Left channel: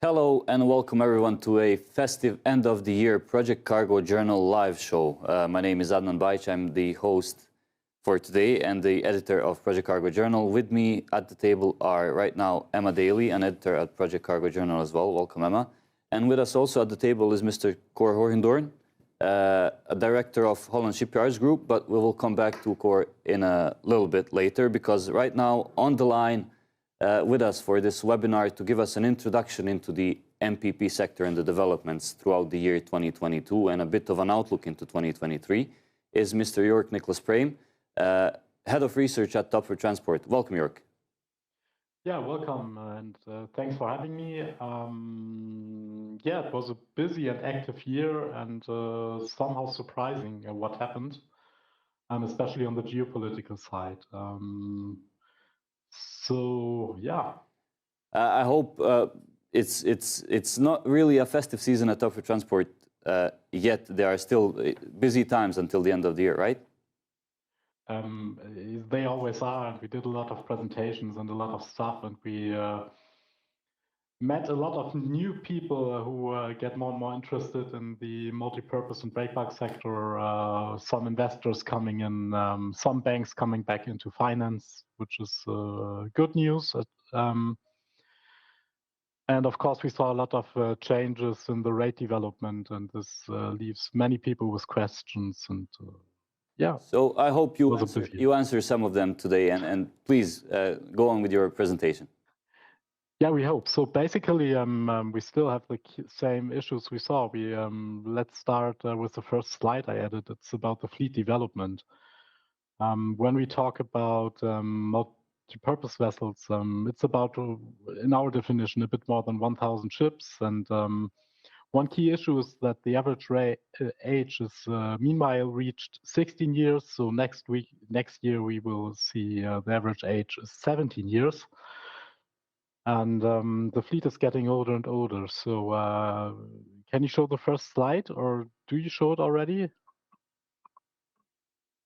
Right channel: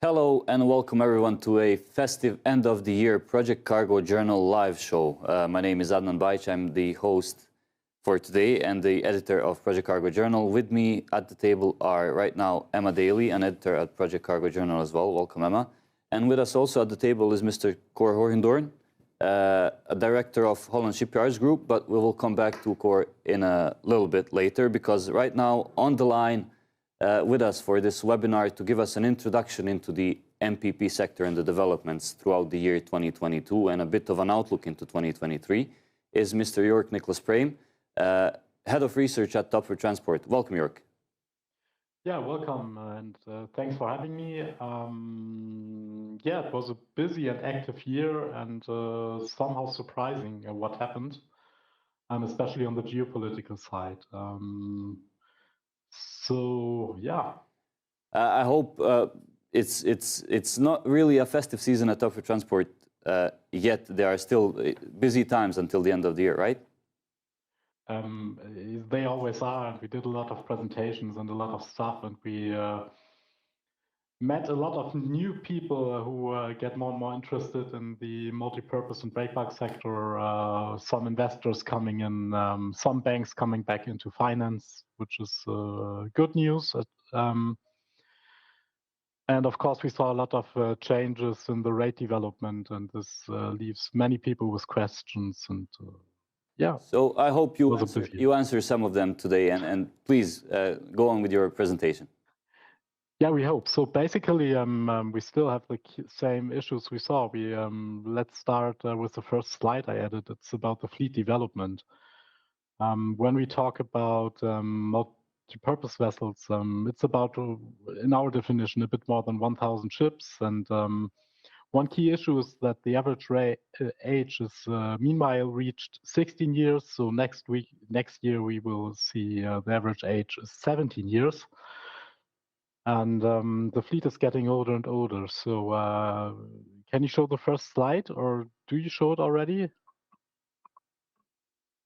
Hello and welcome everyone to a festive end of the year Project Cargo Journal live show. My name is Adnan Bajic. I'm the host for today and the editor of Project Cargo Journal. With me at the table are right now Emma Daly, an editor at Project Cargo Journal as well. Welcome, Emma. And with us also at the table is Mr. Cor Hoogendoorn, a director of Holland Shipyards Group, but we will come back to Cor in a little bit later because right now on the line with us for this webinar to give us an introduction into the MPP sector and the developments throughout the year 2022 and a bit of an outlook into 2023 is Mr. Yorck Niclas Prehm, Head of Research at Toepfer Transport. Welcome, Yorck. Yeah, welcome, and thanks for having me. Yeah, it was a busy and active year and somehow surprising what happened, especially on the geopolitical side. So yeah, I hope it's not really a festive season at Toepfer Transport yet. There are still busy times until the end of the year, right? They always are, and we did a lot of presentations and a lot of stuff, and we met a lot of new people who get more and more interested in the multi-purpose and breakbulk sector. Some investors coming in, some banks coming back into finance, which is good news. And of course, we saw a lot of changes in the rate development, and this leaves many people with questions. And yeah. So I hope you answer some of them today, and please go on with your presentation. Yeah, we hope. So basically, we still have the same issues we saw. Let's start with the first slide I added. It's about the fleet development. When we talk about multi-purpose vessels, it's about, in our definition, a bit more than 1,000 ships. And one key issue is that the average age is meanwhile reached 16 years. So next year, we will see the average age is 17 years. And the fleet is getting older and older. So can you show the first slide, or do you show it already?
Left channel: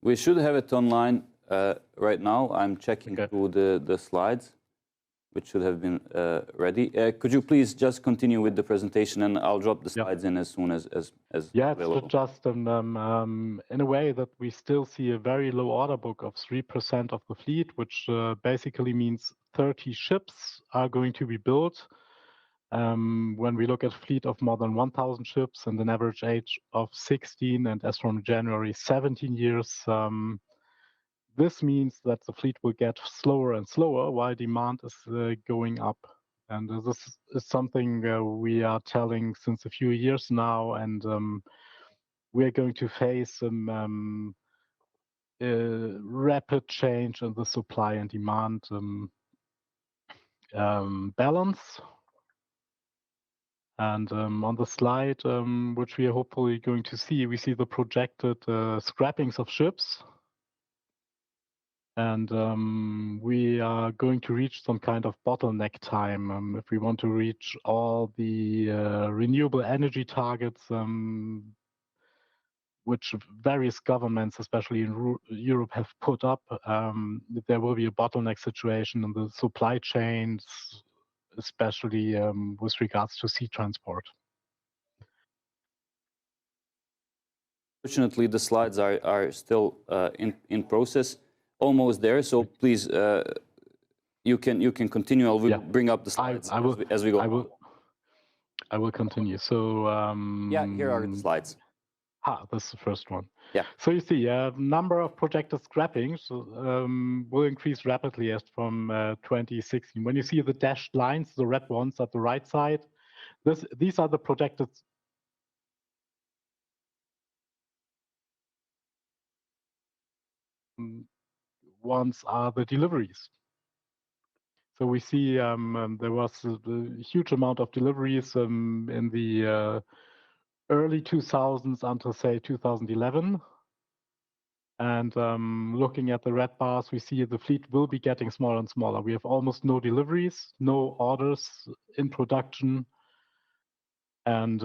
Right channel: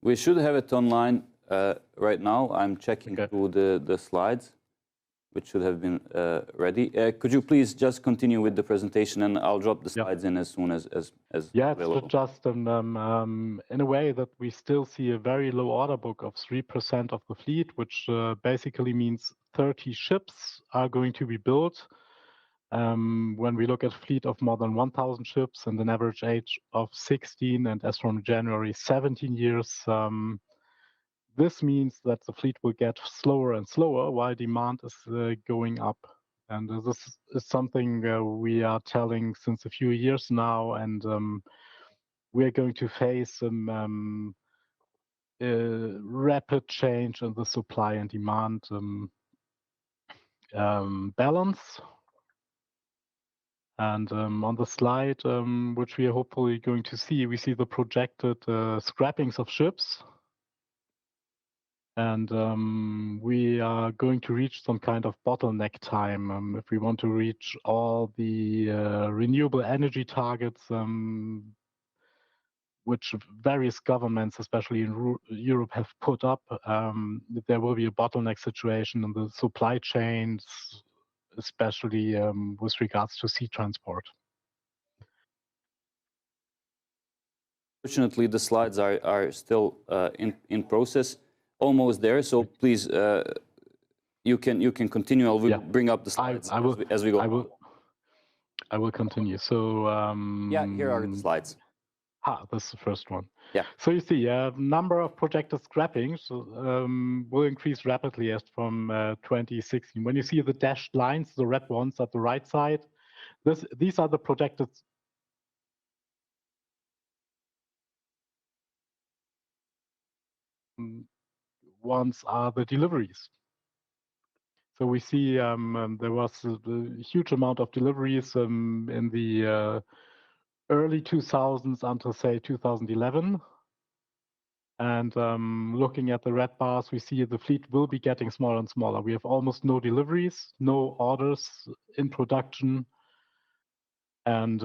We should have it online right now. I'm checking through the slides, which should have been ready. Could you please just continue with the presentation, and I'll drop the slides in as soon as yeah, available. it's just in a way that we still see a very low order book of 3% of the fleet, which basically means 30 ships are going to be built. When we look at a fleet of more than 1,000 ships and an average age of 16, and as from January, 17 years, this means that the fleet will get slower and slower while demand is going up. And this is something we are telling since a few years now, and we are going to face some rapid change in the supply and demand balance. And on the slide, which we are hopefully going to see, we see the projected scrappings of ships. And we are going to reach some kind of bottleneck time if we want to reach all the renewable energy targets, which various governments, especially in Europe, have put up. There will be a bottleneck situation in the supply chains, especially with regards to sea transport. Fortunately, the slides are still in process, almost there. So please, you can continue. I will bring up the slides as we go. I will continue. So yeah, here are the slides. This is the first one. Yeah. So you see, number of projected scrappings will increase rapidly as from 2016. When you see the dashed lines, the red ones at the right side, these are the projected. Ones are the deliveries. So we see there was a huge amount of deliveries in the early 2000s until, say, 2011. And looking at the red bars, we see the fleet will be getting smaller and smaller. We have almost no deliveries, no orders in production. And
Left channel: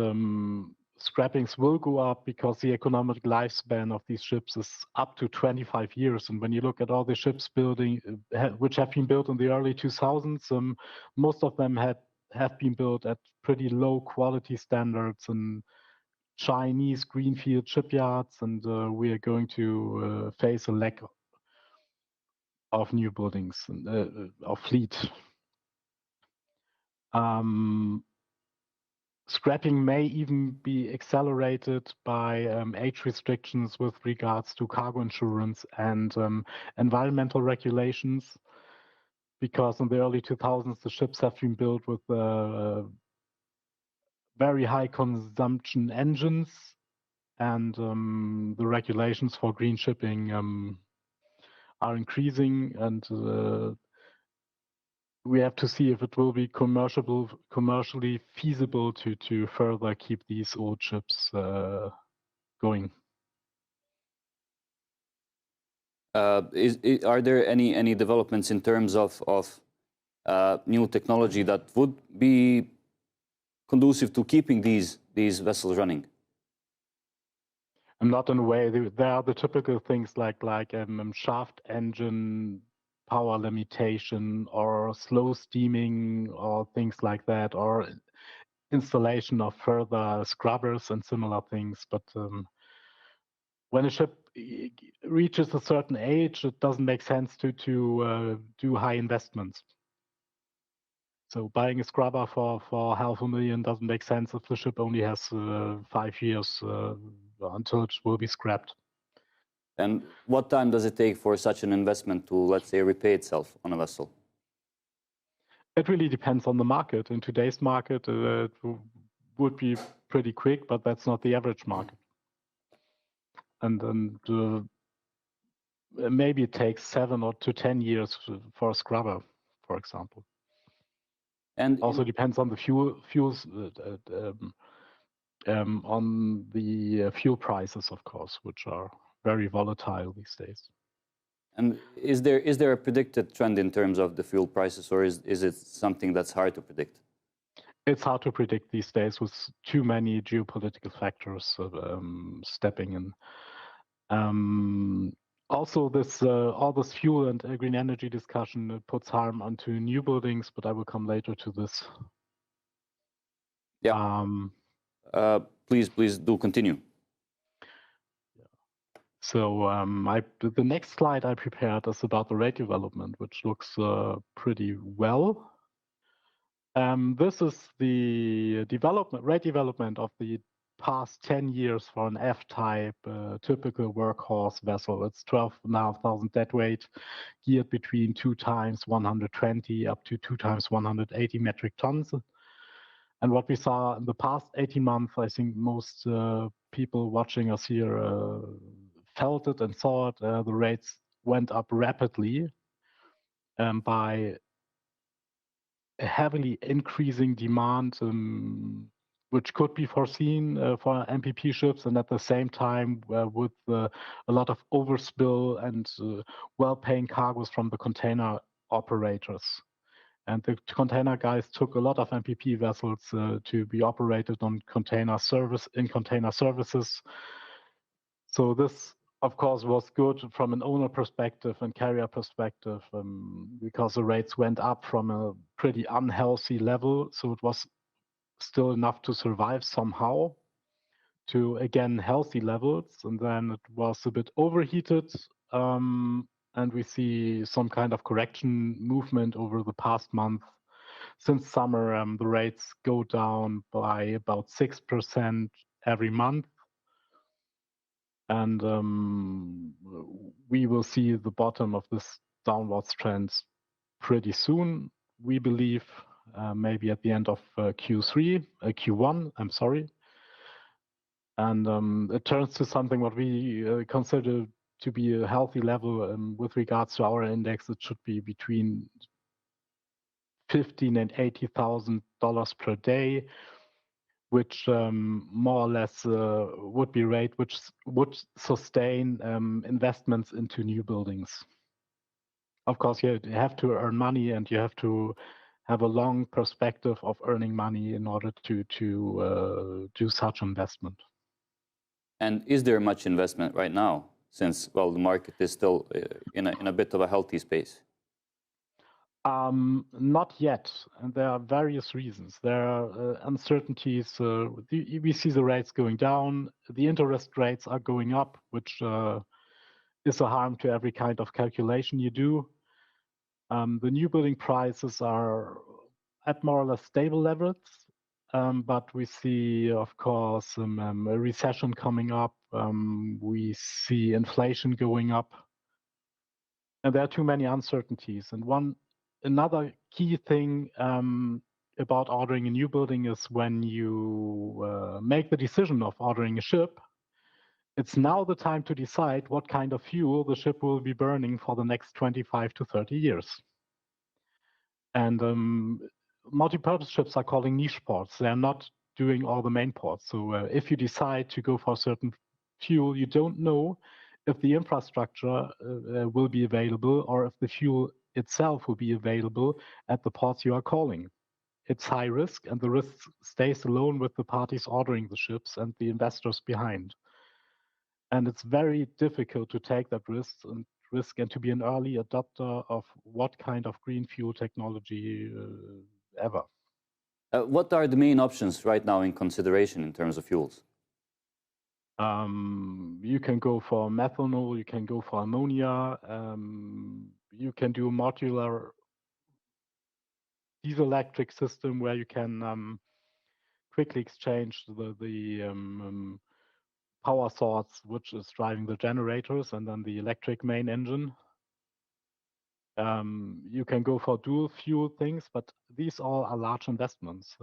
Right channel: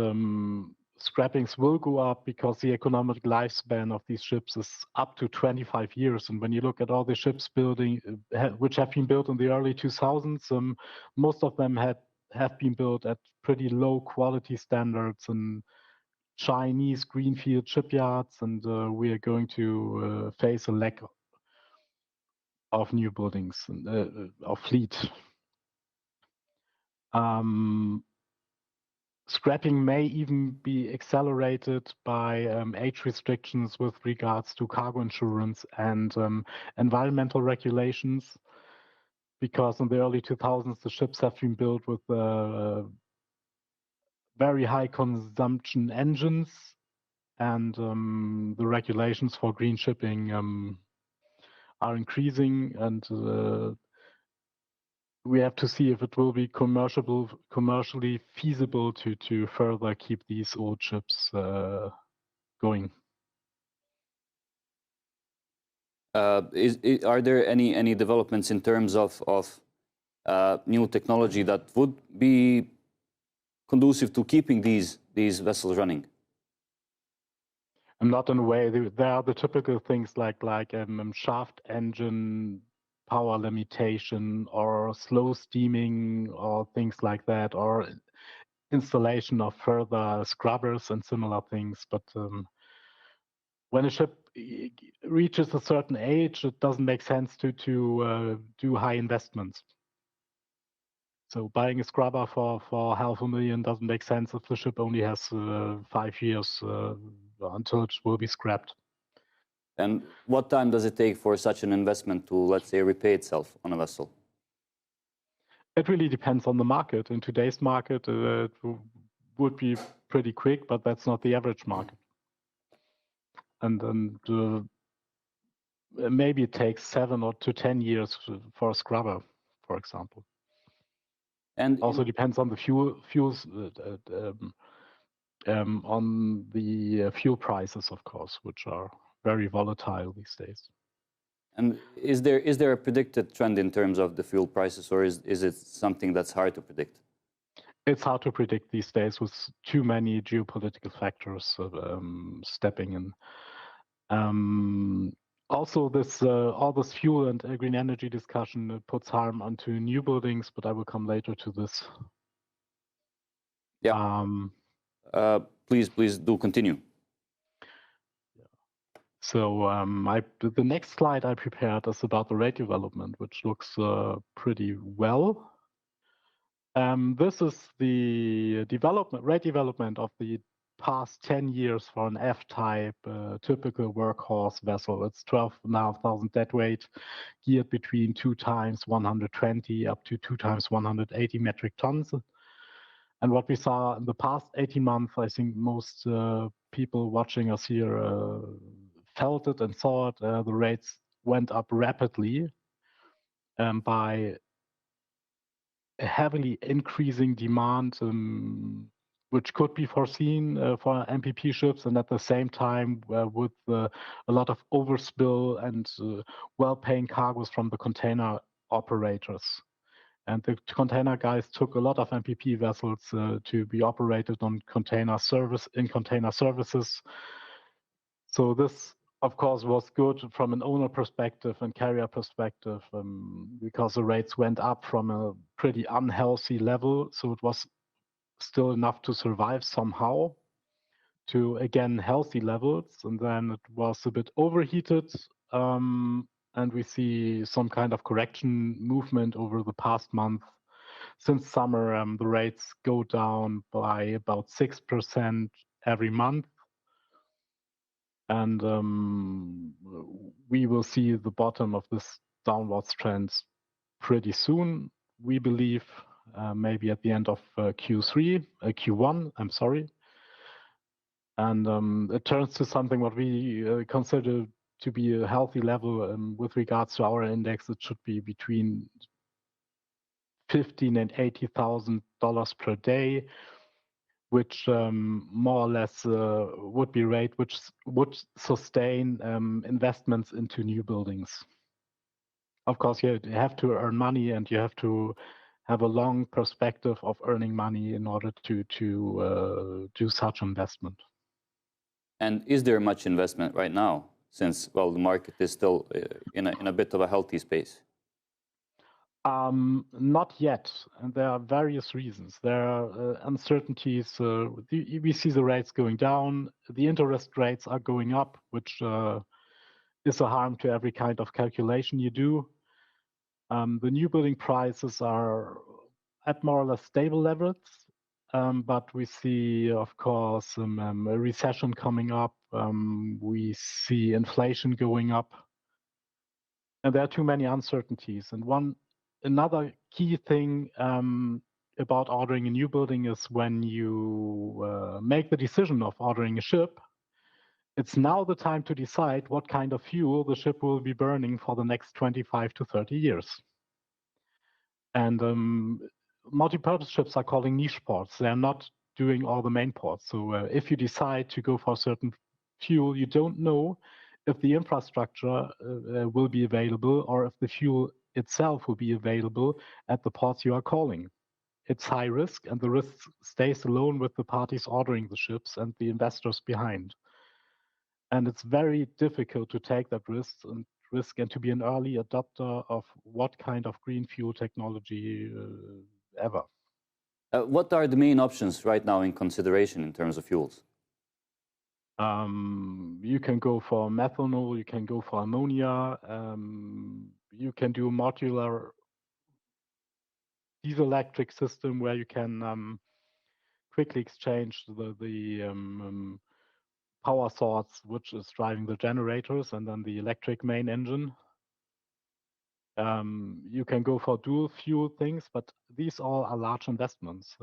scrappings will go up because the economic lifespan of these ships is up to 25 years. And when you look at all the ships which have been built in the early 2000s, most of them had have been built at pretty low quality standards in Chinese greenfield shipyards, and we are going to face a lack of new buildings and of fleet. Scrapping may even be accelerated by age restrictions with regards to cargo insurance and environmental regulations, because in the early 2000s the ships have been built with very high consumption engines, and the regulations for green shipping are increasing, and we have to see if it will be commercially feasible to further keep these old ships going. Are there any developments in terms of new technology that would be conducive to keeping these vessels running? And not in a way. There are the typical things like shaft engine power limitation or slow steaming or things like that, or installation of further scrubbers and similar things. But when a ship reaches a certain age, it doesn't make sense to do high investments. So buying a scrubber for $500,000 doesn't make sense if the ship only has 5 years until it will be scrapped. And what time does it take for such an investment to, let's say, repay itself on a vessel? It really depends on the market. In today's market, it would be pretty quick, but that's not the average market. And maybe it takes 7 to 10 years for a scrubber, for example. And also depends on the fuels, on the fuel prices, of course, which are very volatile these days. And is there a predicted trend in terms of the fuel prices, or is it something that's hard to predict? It's hard to predict these days with too many geopolitical factors stepping in. Also, all this fuel and green energy discussion puts harm onto new buildings, but I will come later to this. Yeah. Please do continue. So the next slide I prepared is about the rate development, which looks pretty well. This is the rate development of the past 10 years for an F-type typical workhorse vessel. It's 12,500 deadweight, geared between 2 times 120 up to 2 times 180 metric tons. And what we saw in the past 18 months, I think most people watching us here felt it and saw it. The rates went up rapidly by a heavily increasing demand, which could be foreseen for MPP ships, and at the same time with a lot of overspill and well-paying cargoes from the container operators. And the container guys took a lot of MPP vessels to be operated on container services. So this, of course, was good from an owner perspective and carrier perspective, because the rates went up from a pretty unhealthy level. So it was still enough to survive somehow to, again, healthy levels. And then it was a bit overheated. And we see some kind of correction movement over the past month. Since summer, the rates go down by about 6% every month. And we will see the bottom of this downwards trend pretty soon. We believe maybe at the end of Q1, I'm sorry. And it turns to something what we consider to be a healthy level with regards to our index. It should be between $15,000 and $80,000 per day, which more or less would be rate which would sustain investments into new buildings. Of course, you have to earn money, and you have to have a long perspective of earning money in order to do such investment. And is there much investment right now, since, well, the market is still in a bit of a healthy space? Not yet, and there are various reasons. There are uncertainties. We see the rates going down. The interest rates are going up, which is a harm to every kind of calculation you do. The new building prices are at more or less stable levels, but we see, of course, a recession coming up. We see inflation going up, and there are too many uncertainties. And another key thing about ordering a new building is when you make the decision of ordering a ship, it's now the time to decide what kind of fuel the ship will be burning for the next 25 to 30 years. And multi-purpose ships are calling niche ports. They're not doing all the main ports. So if you decide to go for a certain fuel, you don't know if the infrastructure will be available or if the fuel itself will be available at the ports you are calling. It's high risk, and the risk stays alone with the parties ordering the ships and the investors behind. And it's very difficult to take that risk and to be an early adopter of what kind of green fuel technology ever. What are the main options right now in consideration in terms of fuels? You can go for methanol, you can go for ammonia, you can do a modular diesel electric system where you can quickly exchange the power source, which is driving the generators, and then the electric main engine. You can go for dual fuel things, but these all are large investments.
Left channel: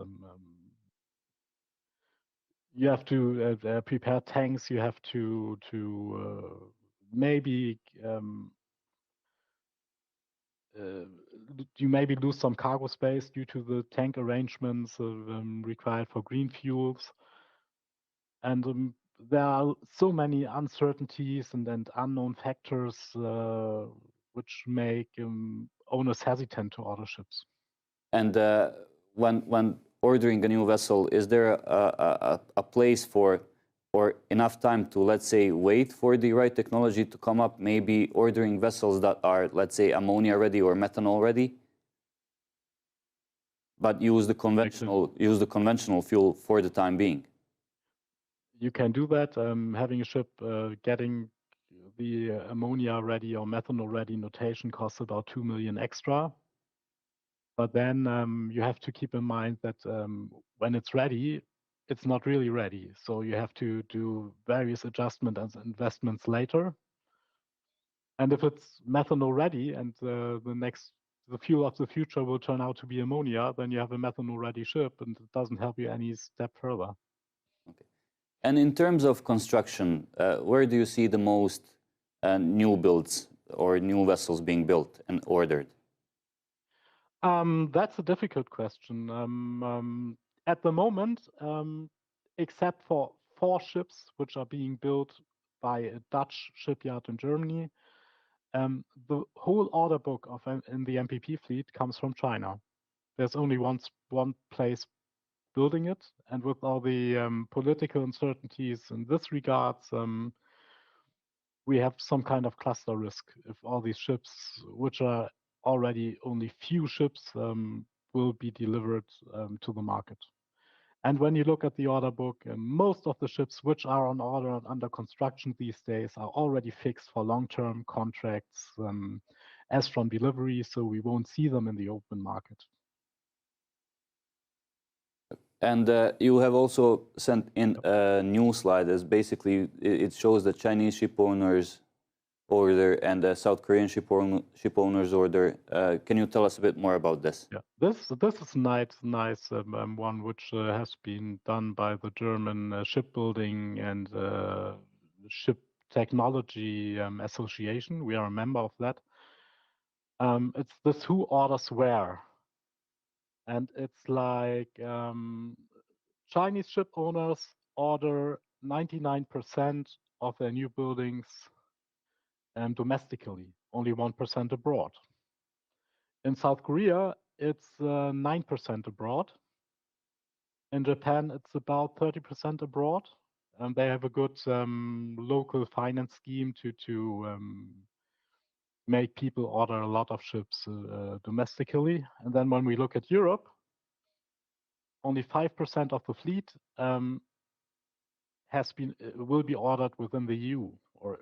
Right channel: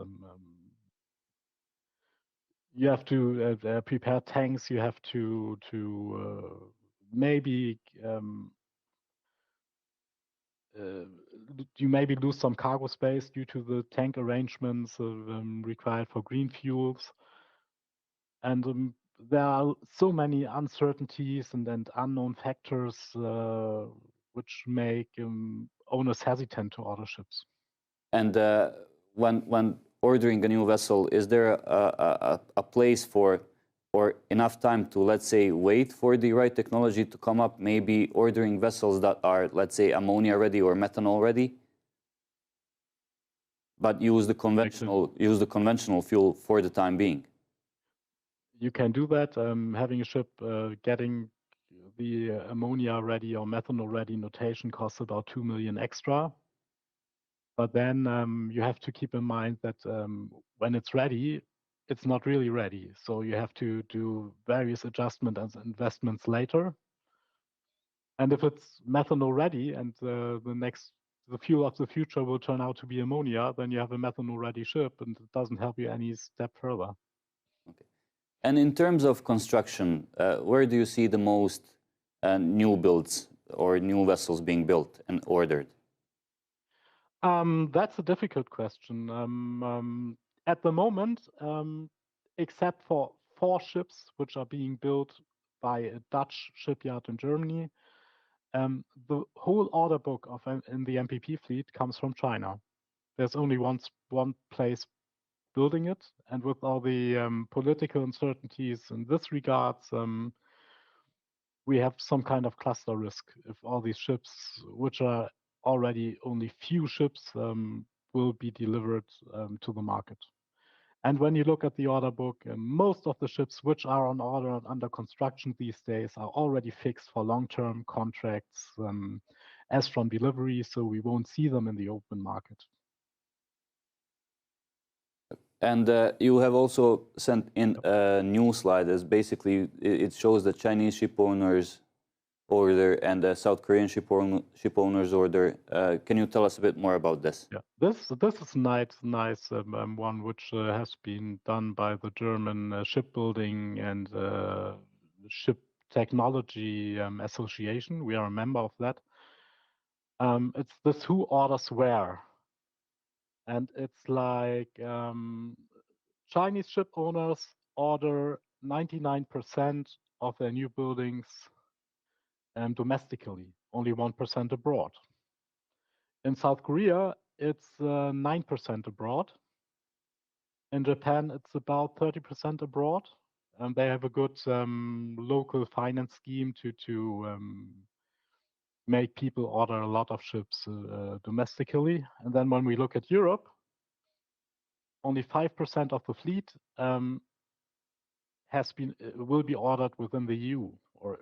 You have to prepare tanks. You have to maybe you maybe lose some cargo space due to the tank arrangements required for green fuels. And there are so many uncertainties and unknown factors which make owners hesitant to order ships. And when ordering a new vessel, is there a place for or enough time to, let's say, wait for the right technology to come up, maybe ordering vessels that are, let's say, ammonia ready or methanol ready, but use the conventional fuel for the time being? You can do that. Having a ship getting the ammonia ready or methanol ready notation costs about 2 million extra. But then you have to keep in mind that when it's ready, it's not really ready. So you have to do various adjustments and investments later. And if it's methanol ready and the fuel of the future will turn out to be ammonia, then you have a methanol ready ship, and it doesn't help you any step further. Okay. And in terms of construction, where do you see the most new builds or new vessels being built and ordered? That's a difficult question. At the moment, except for 4 ships which are being built by a Dutch shipyard in Germany, the whole order book in the MPP fleet comes from China. There's only one place building it, and with all the political uncertainties in this regards, we have some kind of cluster risk if all these ships, which are already only few ships, will be delivered to the market. And when you look at the order book, most of the ships which are on order and under construction these days are already fixed for long-term contracts as from delivery, so we won't see them in the open market. And you have also sent in a new slide. As basically, it shows that Chinese ship owners order and the South Korean ship owners order. Can you tell us a bit more about this? Yeah, this is nice one which has been done by the German Shipbuilding and Ship Technology Association. We are a member of that. It's this who orders where, and it's like Chinese ship owners order 99% of their new buildings domestically, only 1% abroad. In South Korea, it's 9% abroad. In Japan, it's about 30% abroad. And they have a good local finance scheme to make people order a lot of ships domestically. And then when we look at Europe, only 5% of the fleet will be ordered within the EU, or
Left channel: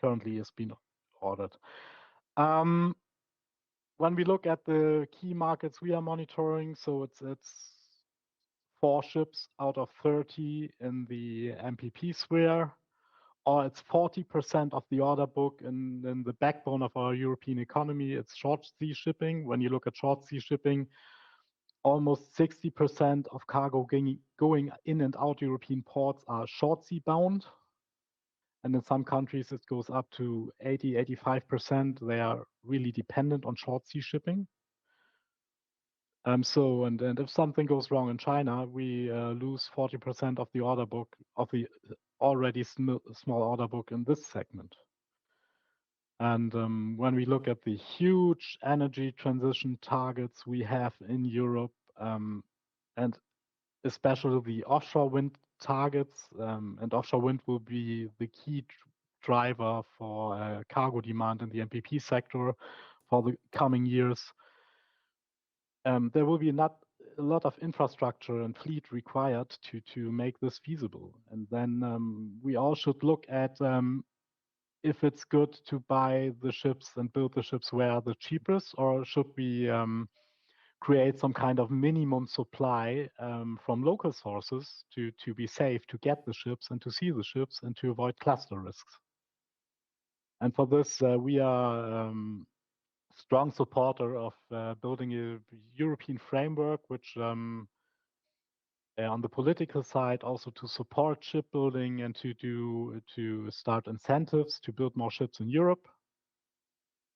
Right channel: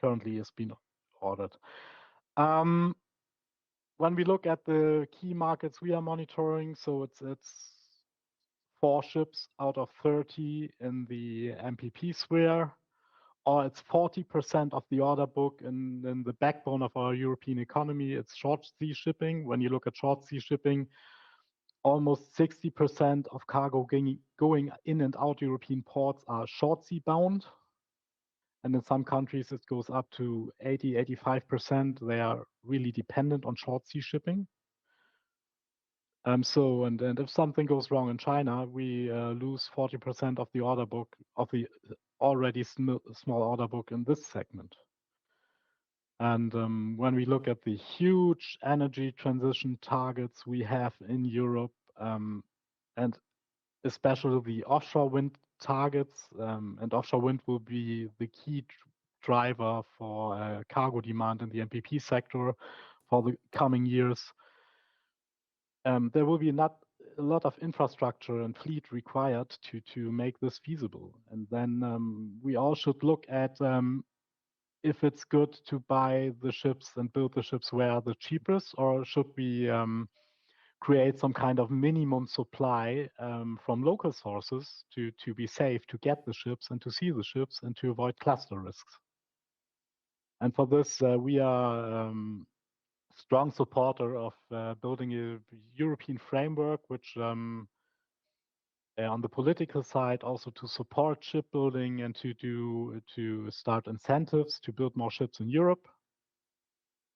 currently is being ordered. When we look at the key markets we are monitoring, so it's 4 ships out of 30 in the MPP sphere, or it's 40% of the order book in the backbone of our European economy. It's short sea shipping. When you look at short sea shipping, almost 60% of cargo going in and out European ports are short sea bound. And in some countries, it goes up to 85%. They are really dependent on short sea shipping. And if something goes wrong in China, we lose 40% of the order book, of the already small order book in this segment. And when we look at the huge energy transition targets we have in Europe, and especially the offshore wind targets, and offshore wind will be the key driver for cargo demand in the MPP sector for the coming years. There will be not a lot of infrastructure and fleet required to make this feasible. And then we all should look at if it's good to buy the ships and build the ships where the cheapest, or should we create some kind of minimum supply from local sources to be safe, to get the ships and to see the ships and to avoid cluster risks. And for this, we are strong supporter of building a European framework, which on the political side, also to support shipbuilding and to start incentives to build more ships in Europe.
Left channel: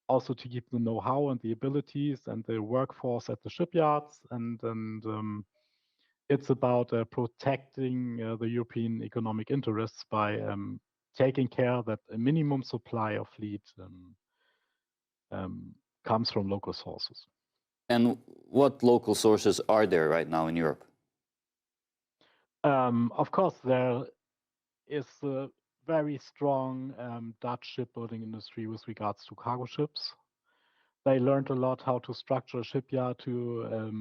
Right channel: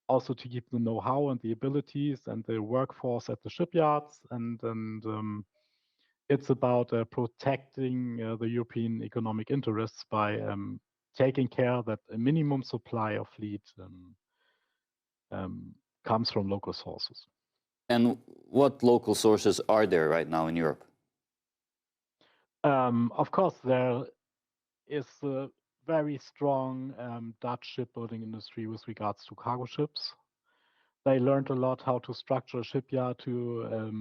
Also to keep the know-how and the abilities and the workforce at the shipyards, and it's about protecting the European economic interests by taking care that a minimum supply of fleet comes from local sources. And what local sources are there right now in Europe? Of course, there is a very strong Dutch shipbuilding industry with regards to cargo ships. They learned a lot how to structure a shipyard, to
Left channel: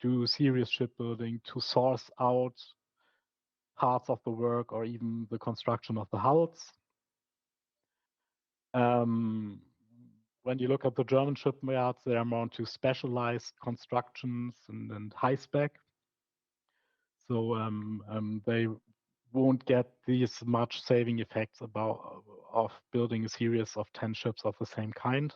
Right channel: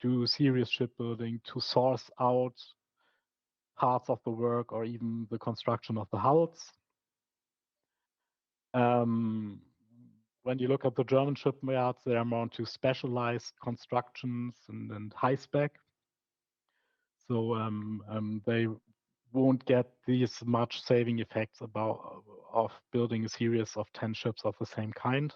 do serious shipbuilding, to source out parts of the work or even the construction of the hulls. When you look at the German shipyards, they are more into specialized constructions and high spec. So they won't get these much saving effects of building a series of 10 ships of the same kind.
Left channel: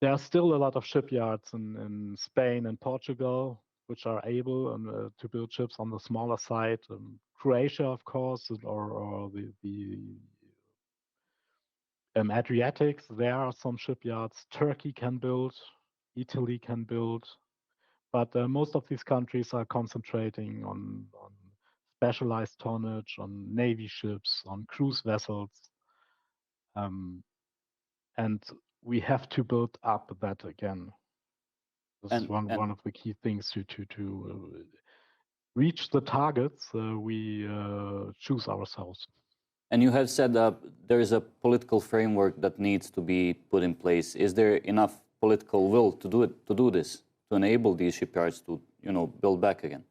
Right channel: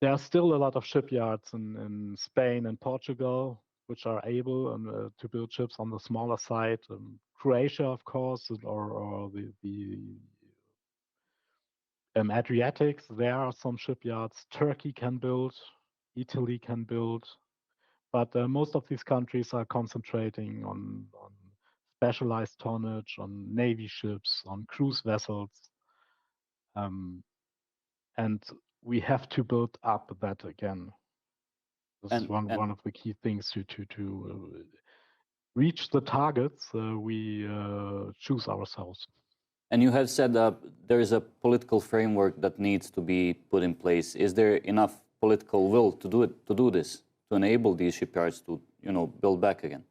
There are still a lot of shipyards in Spain and Portugal which are able to build ships on the smaller side. Croatia, of course, or the Adriatics, there are some shipyards. Turkey can build, Italy can build, but most of these countries are concentrating on specialized tonnage, on navy ships, on cruise vessels, and we have to build up that again. This is one of the key things to reach the targets we choose ourselves. And you have said that there is a political framework that needs to be put in place. Is there enough political will to do this, to enable these shipyards to, build back again?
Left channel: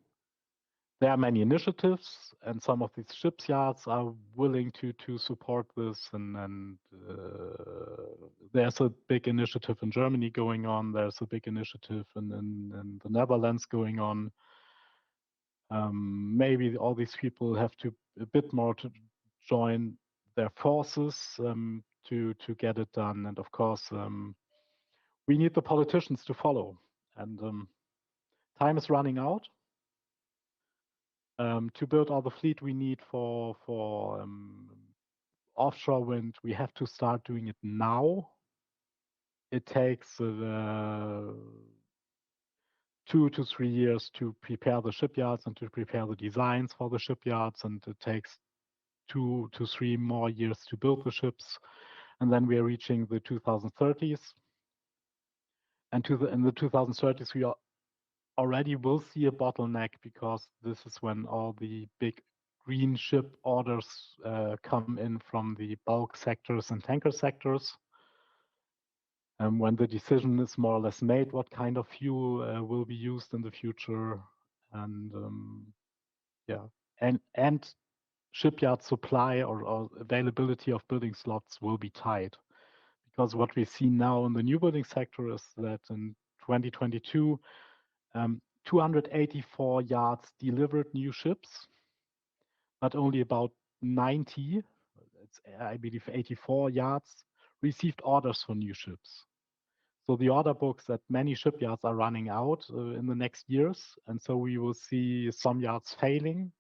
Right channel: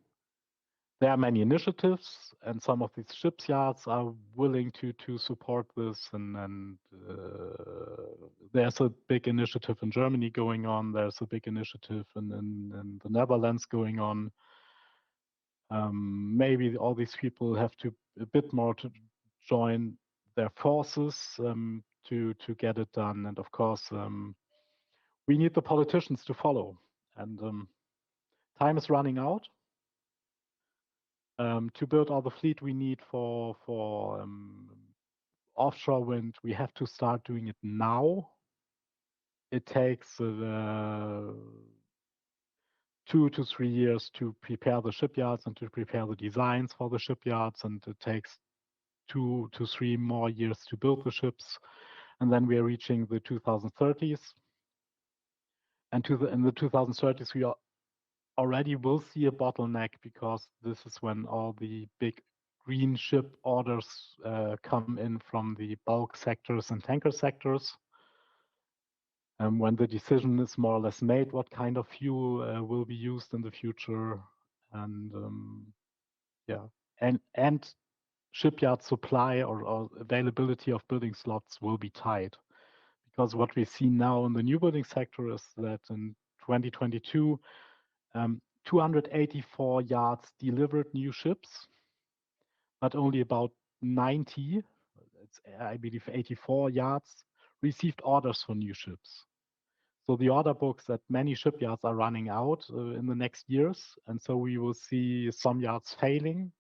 There are many initiatives, and some of these shipyards are willing to support this. And there's a big initiative in Germany going on. There's a big initiative in the Netherlands going on. Maybe all these people have to a bit more to join their forces to get it done. And of course, we need the politicians to follow. And time is running out. To build all the fleet we need for offshore wind, we have to start doing it now. It takes 2 to 3 years to prepare the shipyards and to prepare the designs for the shipyards, and it takes 2 to 3 more years to build the ships, and then we are reaching the 2030s. And in the 2030s, we already will see a bottleneck, because this is when all the big green ship orders come in from the bulk sectors and tanker sectors. when the decision is more or less made, what kind of fuel will be used in the future, and yeah, and shipyard supply or availability of building slots will be tight, because what we see now in the new building sector is that in 2022, 284 yards delivered new ships, but only about 90, I believe 84 yards, received orders for new ships. So the order books at many shipyards are running out in the next years, and so we will see some yards failing,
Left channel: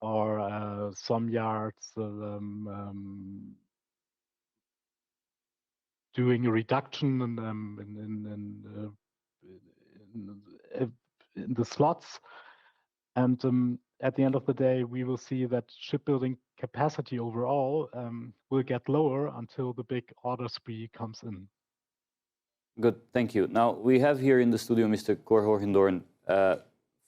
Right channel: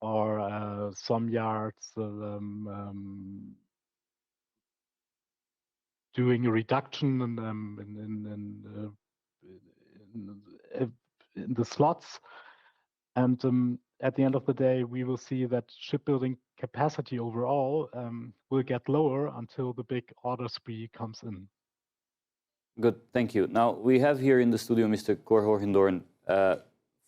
or some yards doing a reduction in the slots. And at the end of the day, we will see that shipbuilding capacity overall will get lower until the big order spree comes in. Good, thank you. Now, we have here in the studio Mr. Cor Hoogendoorn,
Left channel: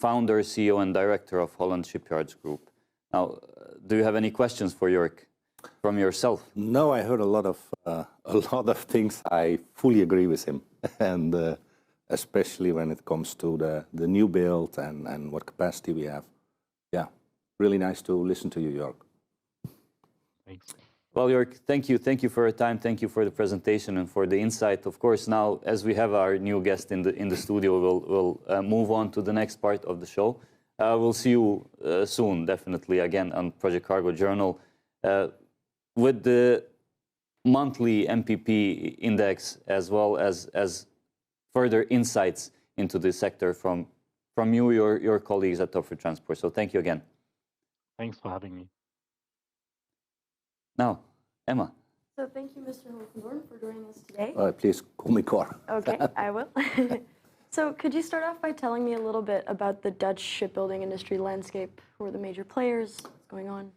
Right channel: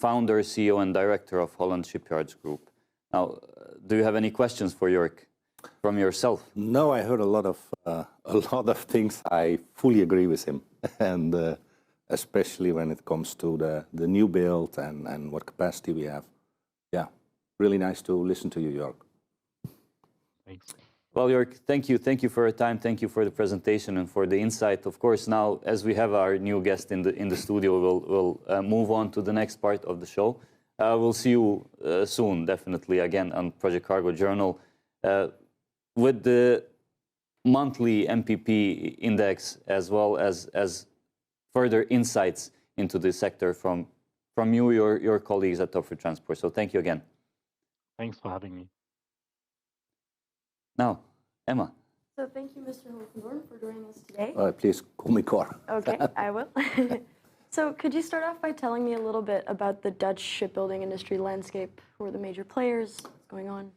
founder, CEO, and director of Holland Shipyards Group. Now, do you have any questions for Yorck from yourself? No, I heard a lot of things. I fully agree with him, and especially when it comes to the new build and what capacity we have. Yeah, really nice to listen to you, Yorck. Thanks. Well, Yorck, thank you. Thank you for your time. Thank you for the presentation and for the insight. Of course, now, as we have our new guest in the studio, we'll move on to the next part of the show. We'll see you soon, definitely, again, on Project Cargo Journal, with the monthly MPP index, as well as further insights into the sector from you, your colleagues at Toepfer Transport. So thank you again. Thanks for having me. Now, Emma. So thank you, Mr. Hoogendoorn, for joining us today. Please call me Cor. Okay, I will. So could you start off by telling me a little bit about the Dutch shipbuilding industry landscape? Who are the major players? What's going on?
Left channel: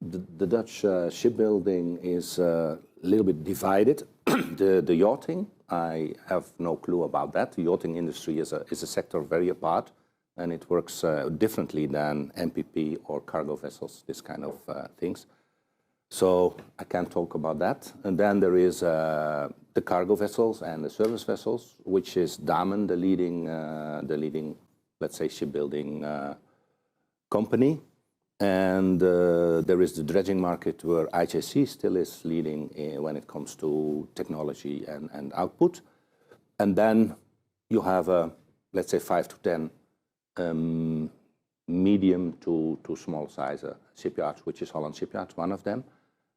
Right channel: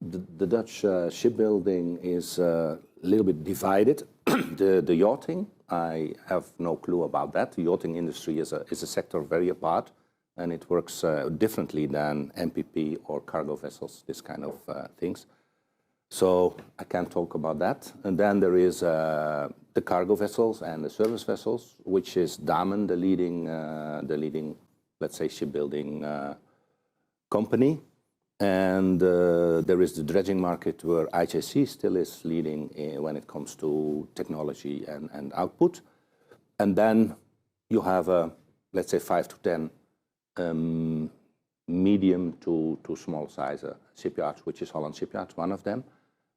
The Dutch shipbuilding is a little bit divided. The yachting, I have no clue about that. The yachting industry is a sector very apart, and it works differently than MPP or cargo vessels, this kind of things. So I can't talk about that. And then there is the cargo vessels and the service vessels, which is Damen, the leading, let's say, shipbuilding company. And there is the dredging market, where IJC still is leading when it comes to technology and output. And then you have, let's say, 5 to 10 medium to small size shipyards, which is Holland Shipyards, one of them,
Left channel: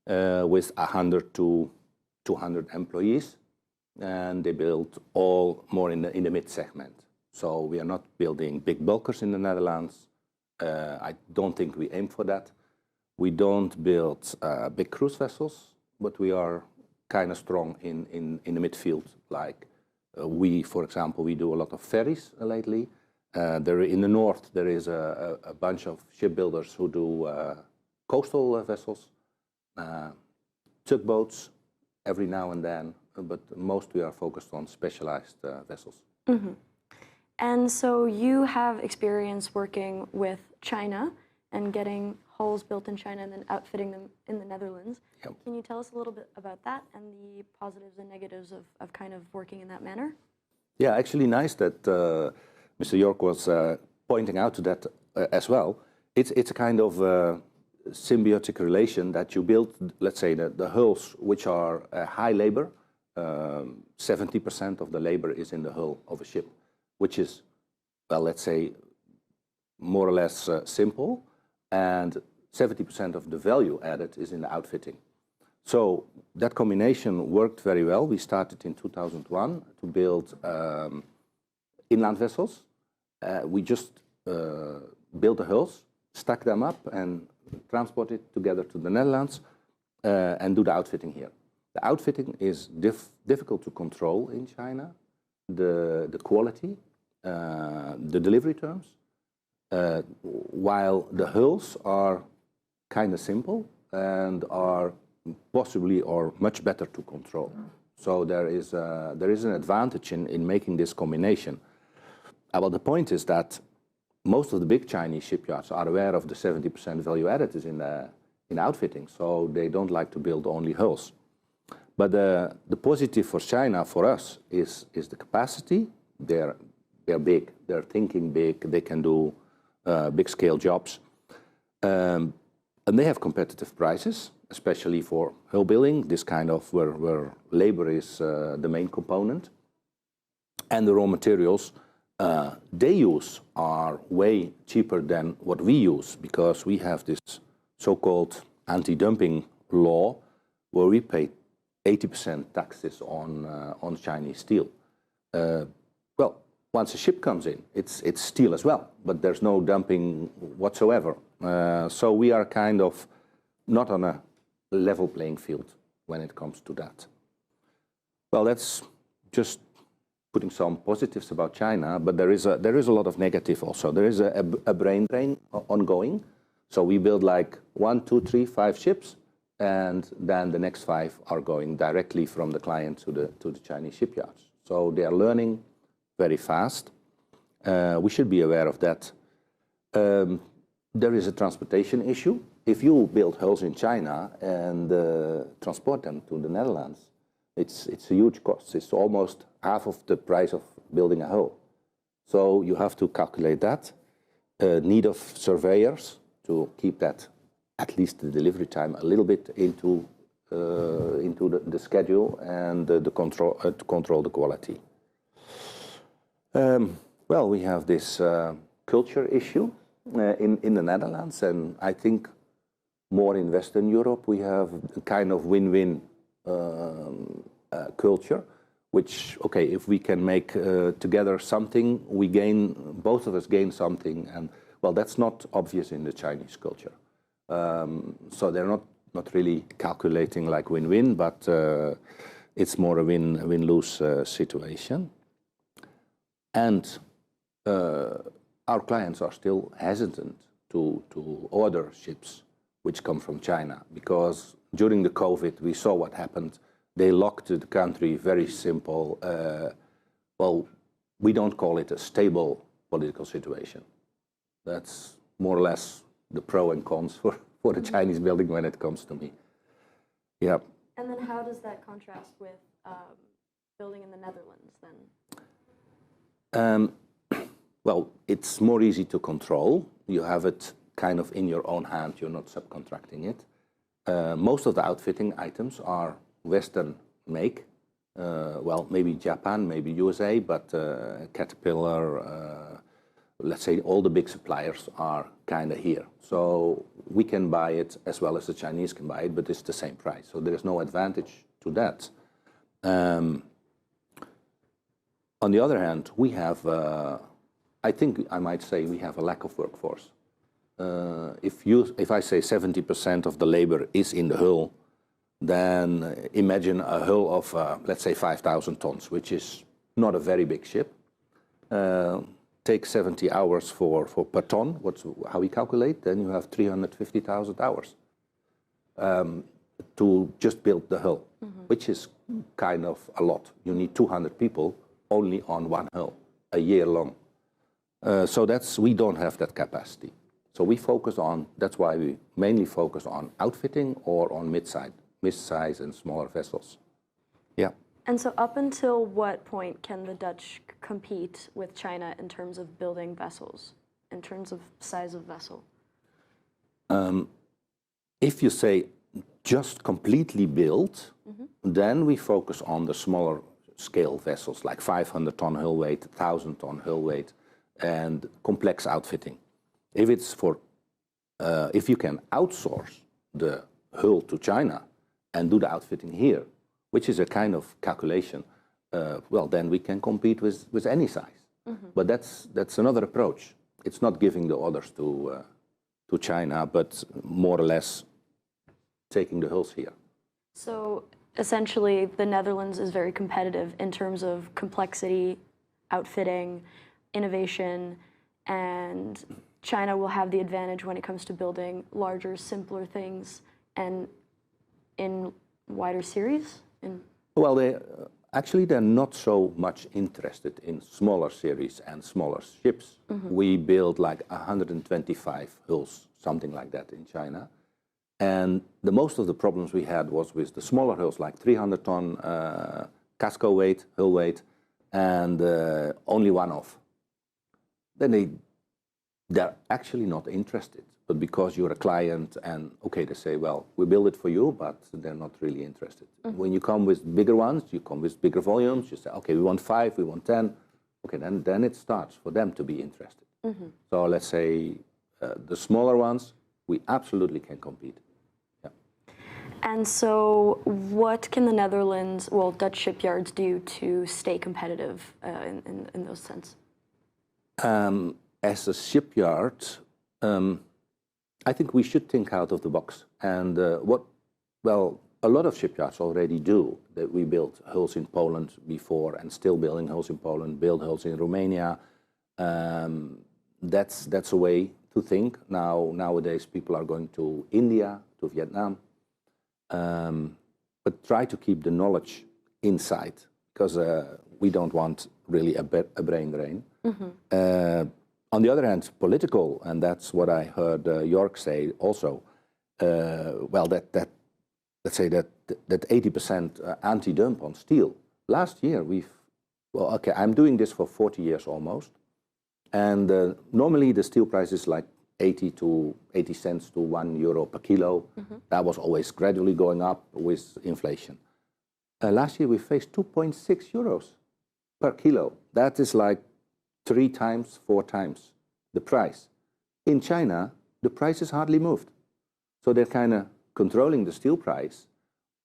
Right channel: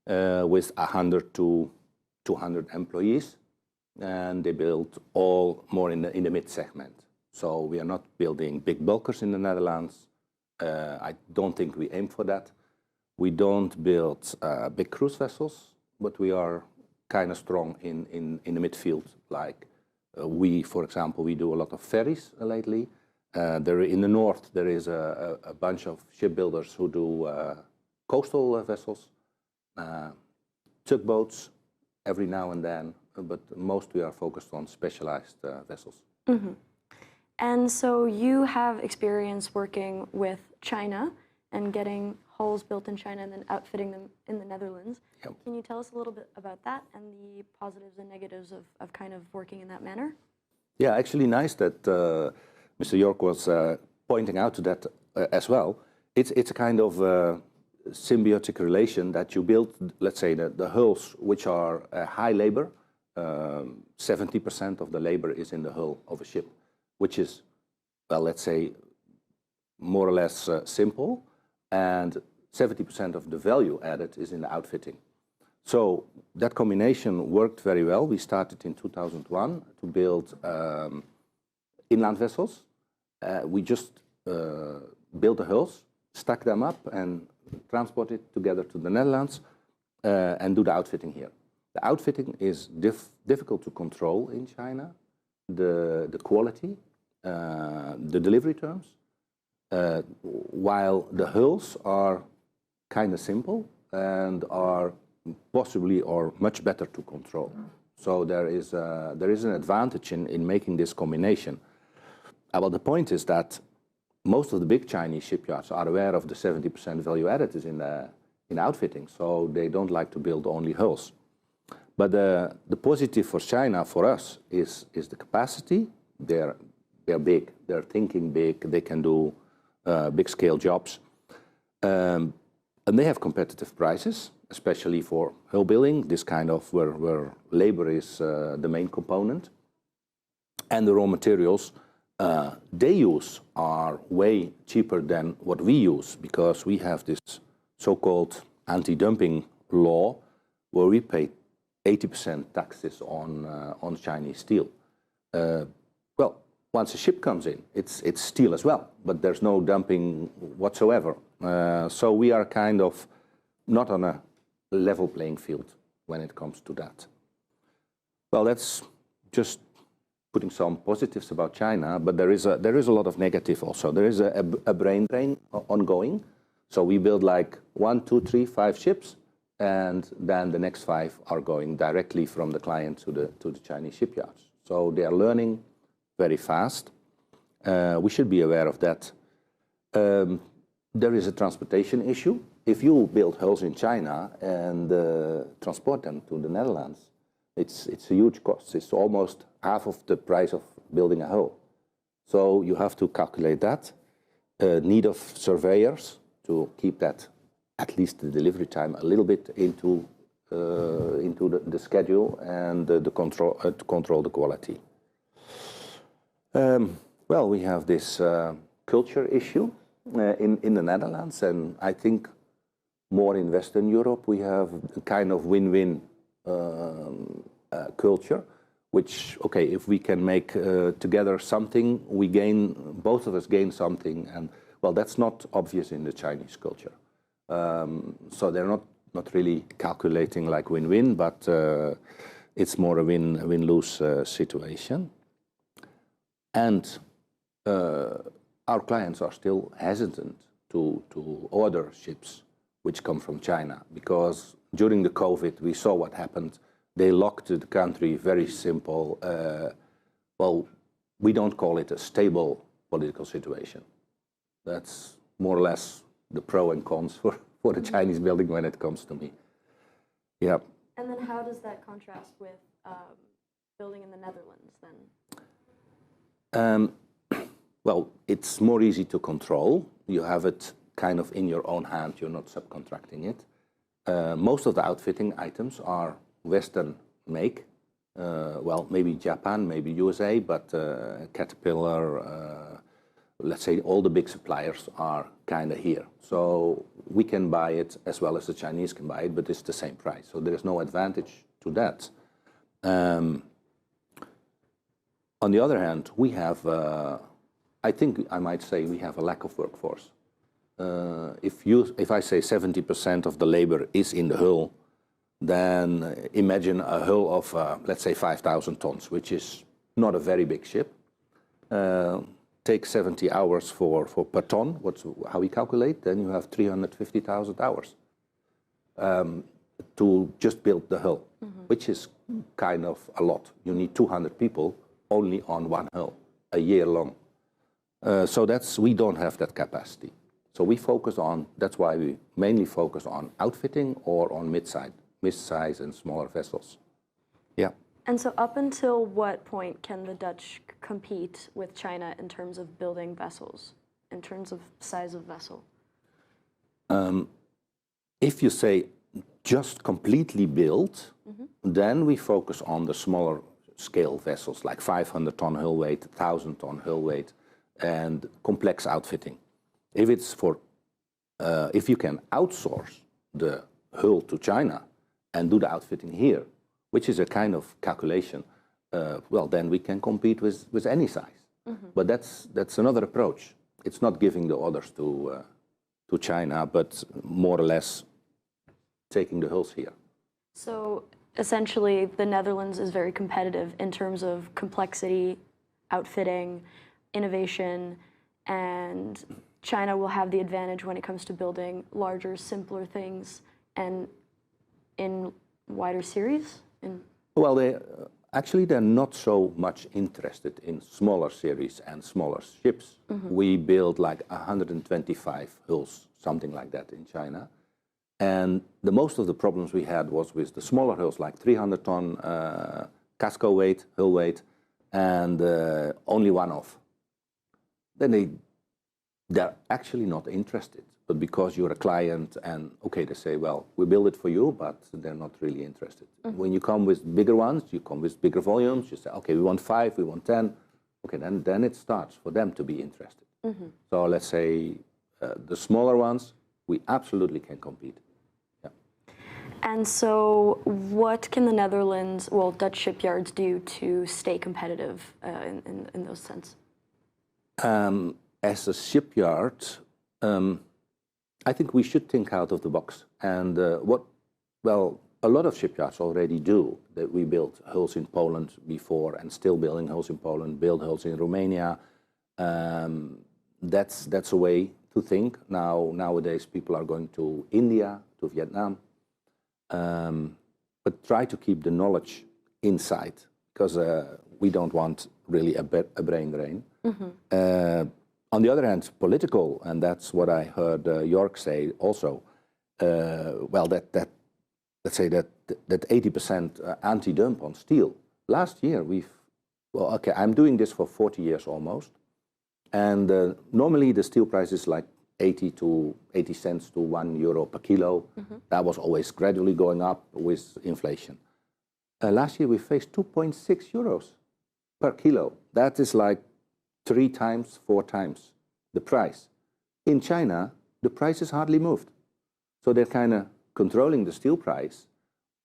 with 100 to 200 employees. And they build all more in the mid segment. So we are not building big bulkers in the Netherlands. I don't think we aim for that. We don't build big cruise vessels, but we are kind of strong in the midfield. Like for example, we do a lot of ferries lately. In the north, there is a bunch of shipbuilders who do coastal vessels, tugboats every now and then, but most we are focused on specialized vessels. Mm-hmm. And so you have experience working with China and getting hulls built in China and then outfitting them in the Netherlands. Yep. Can you tell us a little bit about that and the positives and negatives of kind of working in that manner? Yeah, actually nice that Mr. Yorck was pointing out to that as well. It's a kind of symbiotic relation that you build, let's say, the hulls, which are high labor. 70% of the labor is in the hull of a ship, which is, well, let's say, more or less simple, and 70% of the value added is in the outfitting. So that combination worked very well. We started in 2001 to build inland vessels. We just built the hulls, stack them up, and transport it together to the Netherlands and do the outfitting here. The outfitting is difficult to control in China, the quality, the delivery terms, while the hulls are kind of simple and are possibly or much better to control. So there is an advantage in making this combination. Well, the point is that most of the big Chinese shipyards are aware of the 70% value added is in outfitting, so they don't like to build only hulls. But the positive for China, for us, is the capacity. They're big. They're thinking big. They can do big-scale jobs. And they have competitive prices, especially for hull building, this kind of where labor is the main component. And the raw materials they use are way cheaper than what we use, because we have this so-called anti-dumping law where we pay 80% taxes on Chinese steel. Well, once a ship comes in, it's steel as well, but there's no dumping whatsoever. So we are kind of not on a level playing field when it comes to that. Well, that's just putting some positives about China, but there is a lot of negative also. There is a brain drain ongoing. So we build like 1, 2, 3, 5 ships, and then the next 5 are going directly from the client to the Chinese shipyards. So they are learning very fast. We should be aware of that. There is a transportation issue. If you build hulls in China and transport them to the Netherlands, it's a huge cost. It's almost half of the price of building a hull. So you have to calculate that. Need of surveyors to keep that, at least the delivery time, a little bit into the schedule, and the control to control the quality. Well, we have this culture issue in the Netherlands, and I think more in Western Europe we have a kind of win-win culture, which, okay, if we can make together something, we gain, both of us gain something, and well, that's not obvious in the Chinese culture. So they're not really calculating like win-win, but it's more a win-lose situation. And our clients are still hesitant to order ships which come from China, because during the COVID, we saw what happened. They locked the country, very simple. Well, we don't call it a stable political situation. That's more or less the pro and cons for the Chinese building when it comes to me. Yeah. And then how does that contrast with building in the Netherlands then? Well, it's more easy to control. You have it kind of in your own hand. You're not subcontracting it. Most of the outfitting items are Western make. Well, maybe Japan, maybe USA, but Caterpillar, let's say all the big suppliers are kind of here. So we can buy it as well as the Chinese can buy it, but it's the same price. So there's no advantage to that. On the other hand, we have, I think I might say we have a lack of workforce. If I say 70% of the labor is in the hull, then imagine a hull of, let's say, 5,000 tons, which is not a very big ship. Take 70 hours per ton, how we calculate, then you have 350,000 hours to just build the hull, which is kind of a lot. You need 200 people only on one hull, a year long. So we don't have that capacity. So we focus on, that's why we mainly focus on outfitting or on mid-size and smaller vessels. Yeah. And so up until what point can the Dutch compete with China in terms of building vessels, in terms of size of vessel? If you say just completely built, then we focus on the smaller scale vessels, like 500-ton hull weight, 1,000-ton hull weight, and complex outfitting. If it's if you can outsource the hull to China and do the outfitting here, which is a kind of calculation, well, then we can compete with any size. But that's another approach. It's not giving the orders to China, but more or less taking the hulls here. So essentially, the Netherlands is very competitive in terms of complexity, outfitting, innovation, and China will have the advantage when it comes to building larger, simpler things and in wider series? Well, they're not so much interested in smaller series and smaller ships. We build like 125 hulls, something like that in China. And the most of the problems we had was with the smaller hulls, like 300-ton casco weight, hull weight, and only one off. Then they're actually not interested. But because you're a client and, okay, they say, well, we build it for you, but they're not really interested. When you come with bigger ones, you come with bigger volumes, you say, okay, we want 5, we want 10. Okay, then it starts for them to be interested. So let's say the smaller ones, we absolutely can compete. Yeah. And so what can the Netherlands, well, Dutch shipyards do to stay competitive in those sense? As a shipyard, I think we should think out of the box. And a lot of shipyards already do. That we built hulls in Poland before and still building hulls in Poland, build hulls in Romania. That's a way to think. Nowadays, people are going to India, to Vietnam. But try to keep the knowledge inside, because we don't want really a brain. On the other hand, political, and that's what I heard Yorck say also. Let's say that 80% anti-dump on steel. Last year, I'm doing this for 40 years almost, and normally the steel price is like 80 cents to €1 per kilo. That was always gradually going up with inflation. Last year we faced 2.6 euros per kilo. That is like 3 times, 4 times the price. In China, the price has hardly moved. So they're kind of controlling the steel price.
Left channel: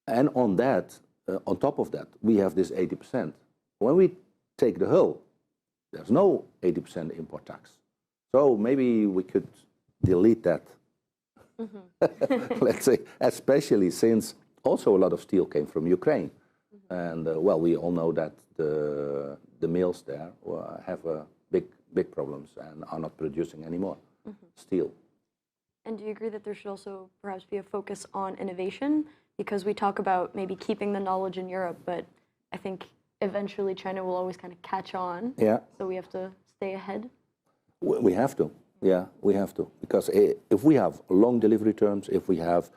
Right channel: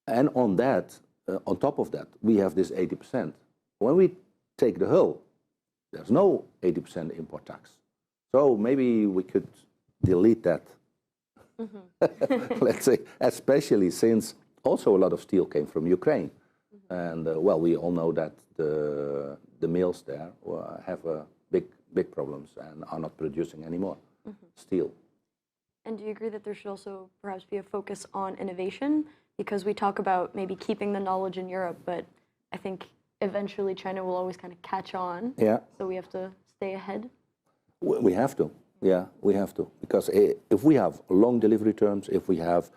And on that, on top of that, we have this 80%. When we take the hull, there's no 80% import tax. So maybe we could delete that. Let's say, especially since also a lot of steel came from Ukraine. And we all know that the mills there have big problems and are not producing anymore steel. And do you agree that there should also perhaps be a focus on innovation? Because we talk about maybe keeping the knowledge in Europe, but I think eventually China will always kind of catch on. Yeah. So we have to stay ahead. We have to. Yeah, we have to. Because if we have long delivery terms, if we have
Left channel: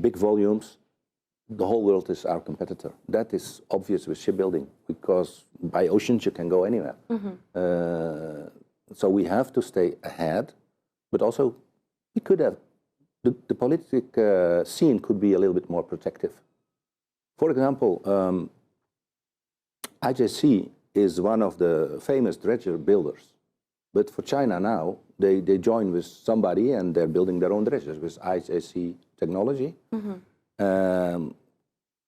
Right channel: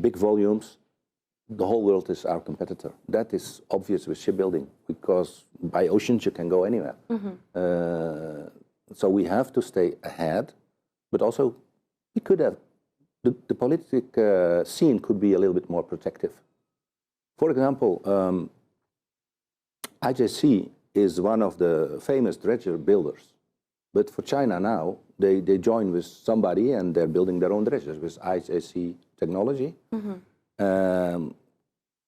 big volumes, the whole world is our competitor. That is obvious with shipbuilding, because by oceans you can go anywhere. So we have to stay ahead, but also we could have, the political scene could be a little bit more protective. For example, IJC is one of the famous dredger builders. But for China now, they join with somebody and they're building their own dredgers with IJC technology.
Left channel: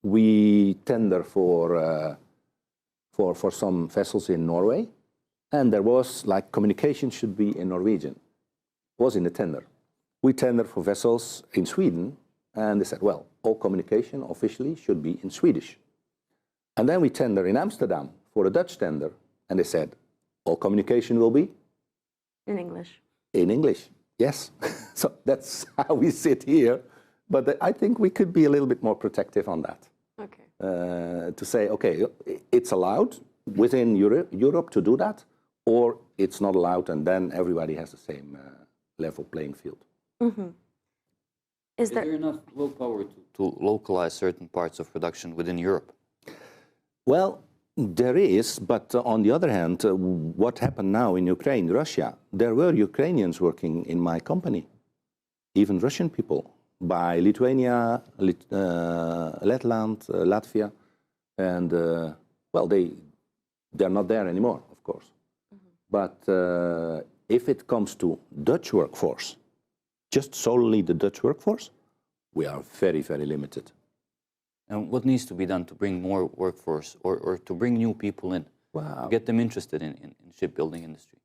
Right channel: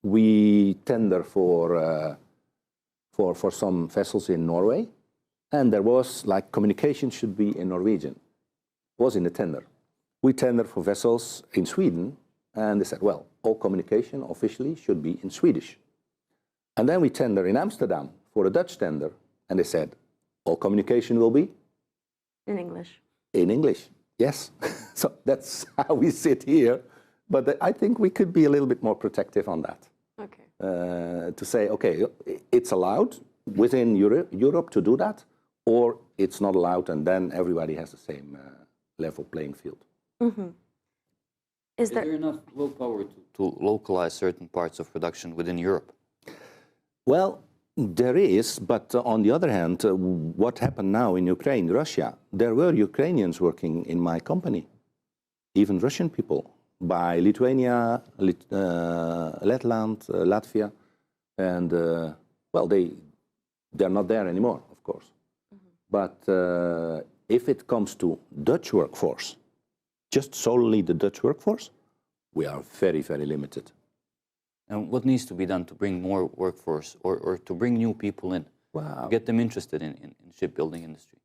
We tender for some vessels in Norway, and there was like communication should be in Norwegian. Was in the tender. We tender for vessels in Sweden, and they said, well, all communication officially should be in Swedish. And then we tender in Amsterdam for a Dutch tender, and they said, all communication will be in English. In English, yes. So that's how we sit here. But I think we could be a little bit more protective on that. Okay. To say, okay, it's allowed within Europe to do that, or it's not allowed, and then everybody has the same level playing field. Is there enough willpower to localize certain parts of production within Europe? Well, there is, but on the other hand, what happened now in Ukraine, Russia, there were Ukrainians working in my company, even Russian people, by Lithuania, Letland, Latvia, and they're not there anymore, of course. But if it comes to Dutch workforce, just solely the Dutch workforce, we are very, very limited. And what needs to be done to bring more workforce or to bring new people in, to get them interested in shipbuilding industry?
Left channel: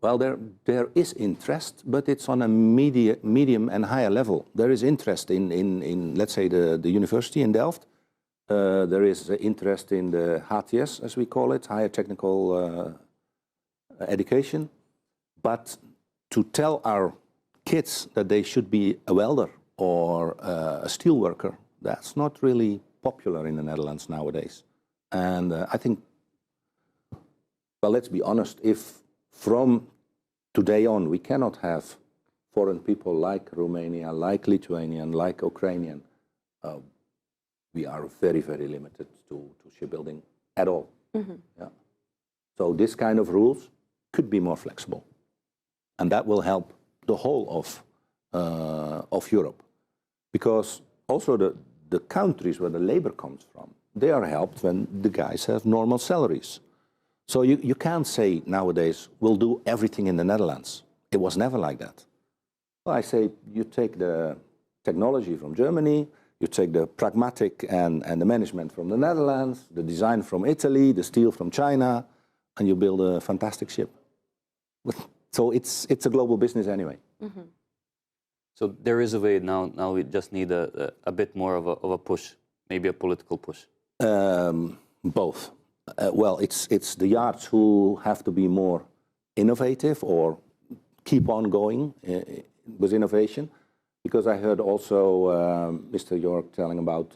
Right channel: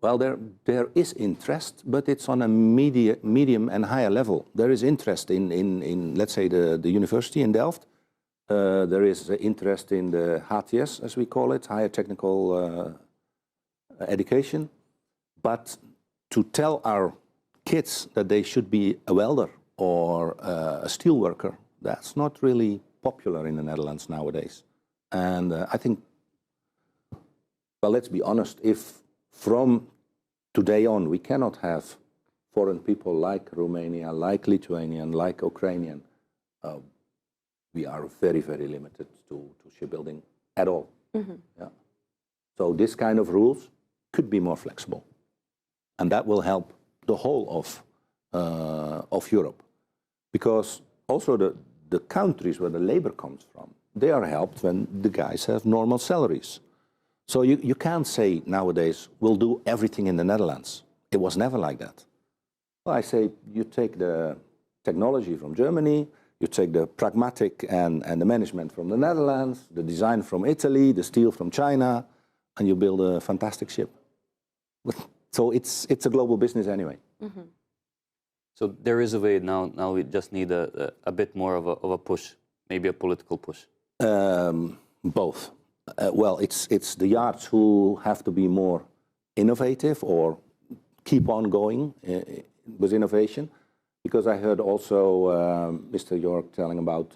Well, there is interest, but it's on a medium and higher level. There is interest in let's say, the university in Delft. There is interest in the HTS, as we call it, higher technical education. But to tell our kids that they should be a welder or a steel worker, that's not really popular in the Netherlands nowadays. And I think, well, let's be honest, if from today on we cannot have foreign people like Romania, like Lithuanian, like Ukrainian, we are very, very limited to shipbuilding at all. Yeah. So this kind of rules could be more flexible, and that will help the whole of Europe, because also the countries where the labor comes from, they are helped when the guys have normal salaries. So you can't say nowadays, we'll do everything in the Netherlands. It was never like that. Well, I say you take the technology from Germany, you take the pragmatic and the management from the Netherlands, the design from Italy, the steel from China, and you build a fantastic ship. So it's a global business anyway. So there is a way now. Now we just need a bit more of a push, maybe a political push. Both. Well, it's the yards who have to be more innovative or keep on going with innovation. Because I heard also Mr. Yorck telling about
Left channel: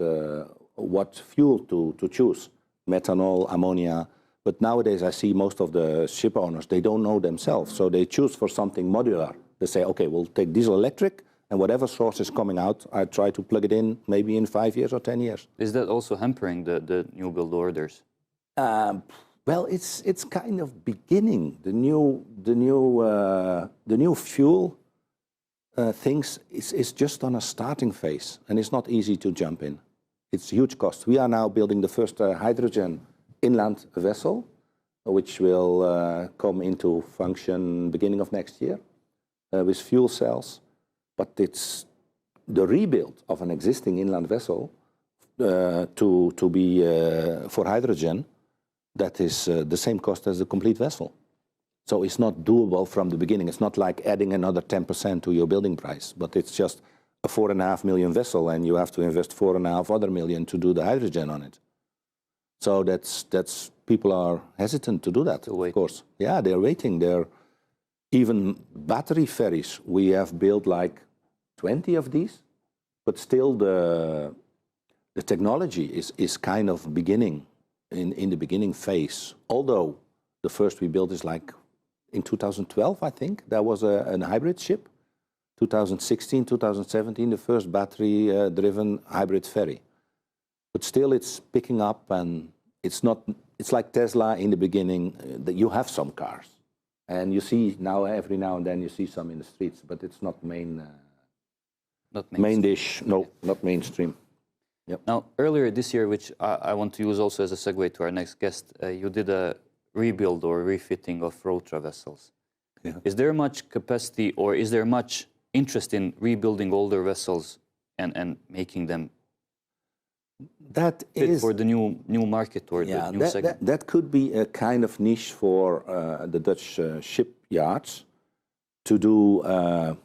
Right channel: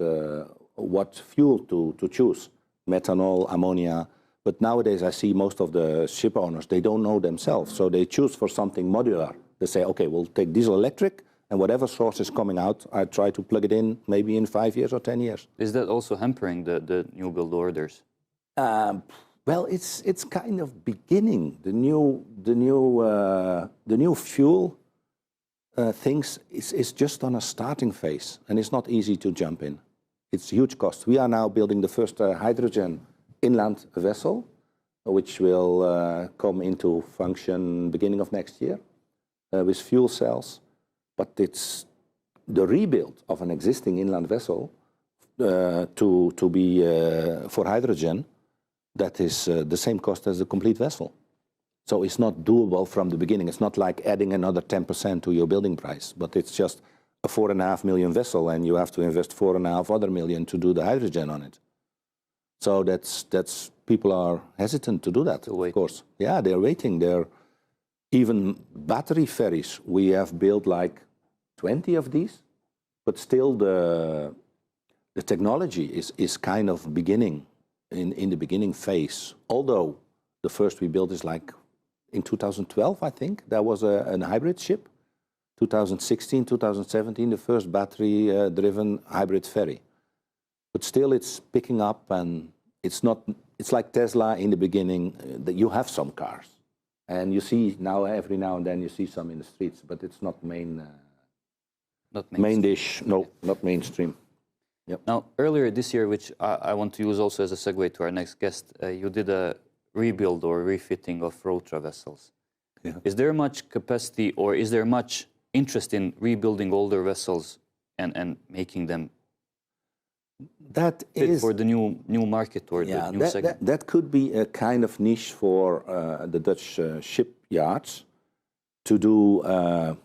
what fuel to choose, methanol, ammonia. But nowadays I see most of the ship owners, they don't know themselves. So they choose for something modular. They say, okay, we'll take diesel electric, and whatever source is coming out, I try to plug it in maybe in 5 years or 10 years. Is that also hampering the new build orders? Well, it's kind of beginning. The new fuel things is just on a starting phase, and it's not easy to jump in. It's huge cost. We are now building the first hydrogen inland vessel, which will come into function beginning of next year with fuel cells. But it's the rebuild of an existing inland vessel to be for hydrogen. That is the same cost as a complete vessel. So it's not doable from the beginning. It's not like adding another 10% to your building price, but it's just a 4.5 million vessel, and you have to invest 4.5 other million to do the hydrogen on it. So that's people are hesitant to do that, of course. Yeah, they're waiting. They're even battery ferries. We have built like 20 of these, but still the technology is kind of beginning in the beginning phase. Although the first we built is like in 2012, I think there was a hybrid ship. 2016, 2017, the first battery-driven hybrid ferry. But still, it's picking up, and it's not. It's like Tesla in the beginning. That you have some cars, and you see now every now and then you see some in the streets, but it's not main dish. No, not mainstream. Yep. Now, earlier this year, which I want to use also as a segue to our next guest, you did a rebuild or refitting of Rotra vessels. Yeah. Is there much capacity, or is there much interest in rebuilding older vessels and making them that fit is for the new market or the new segment? That could be a kind of niche for the Dutch shipyards to do,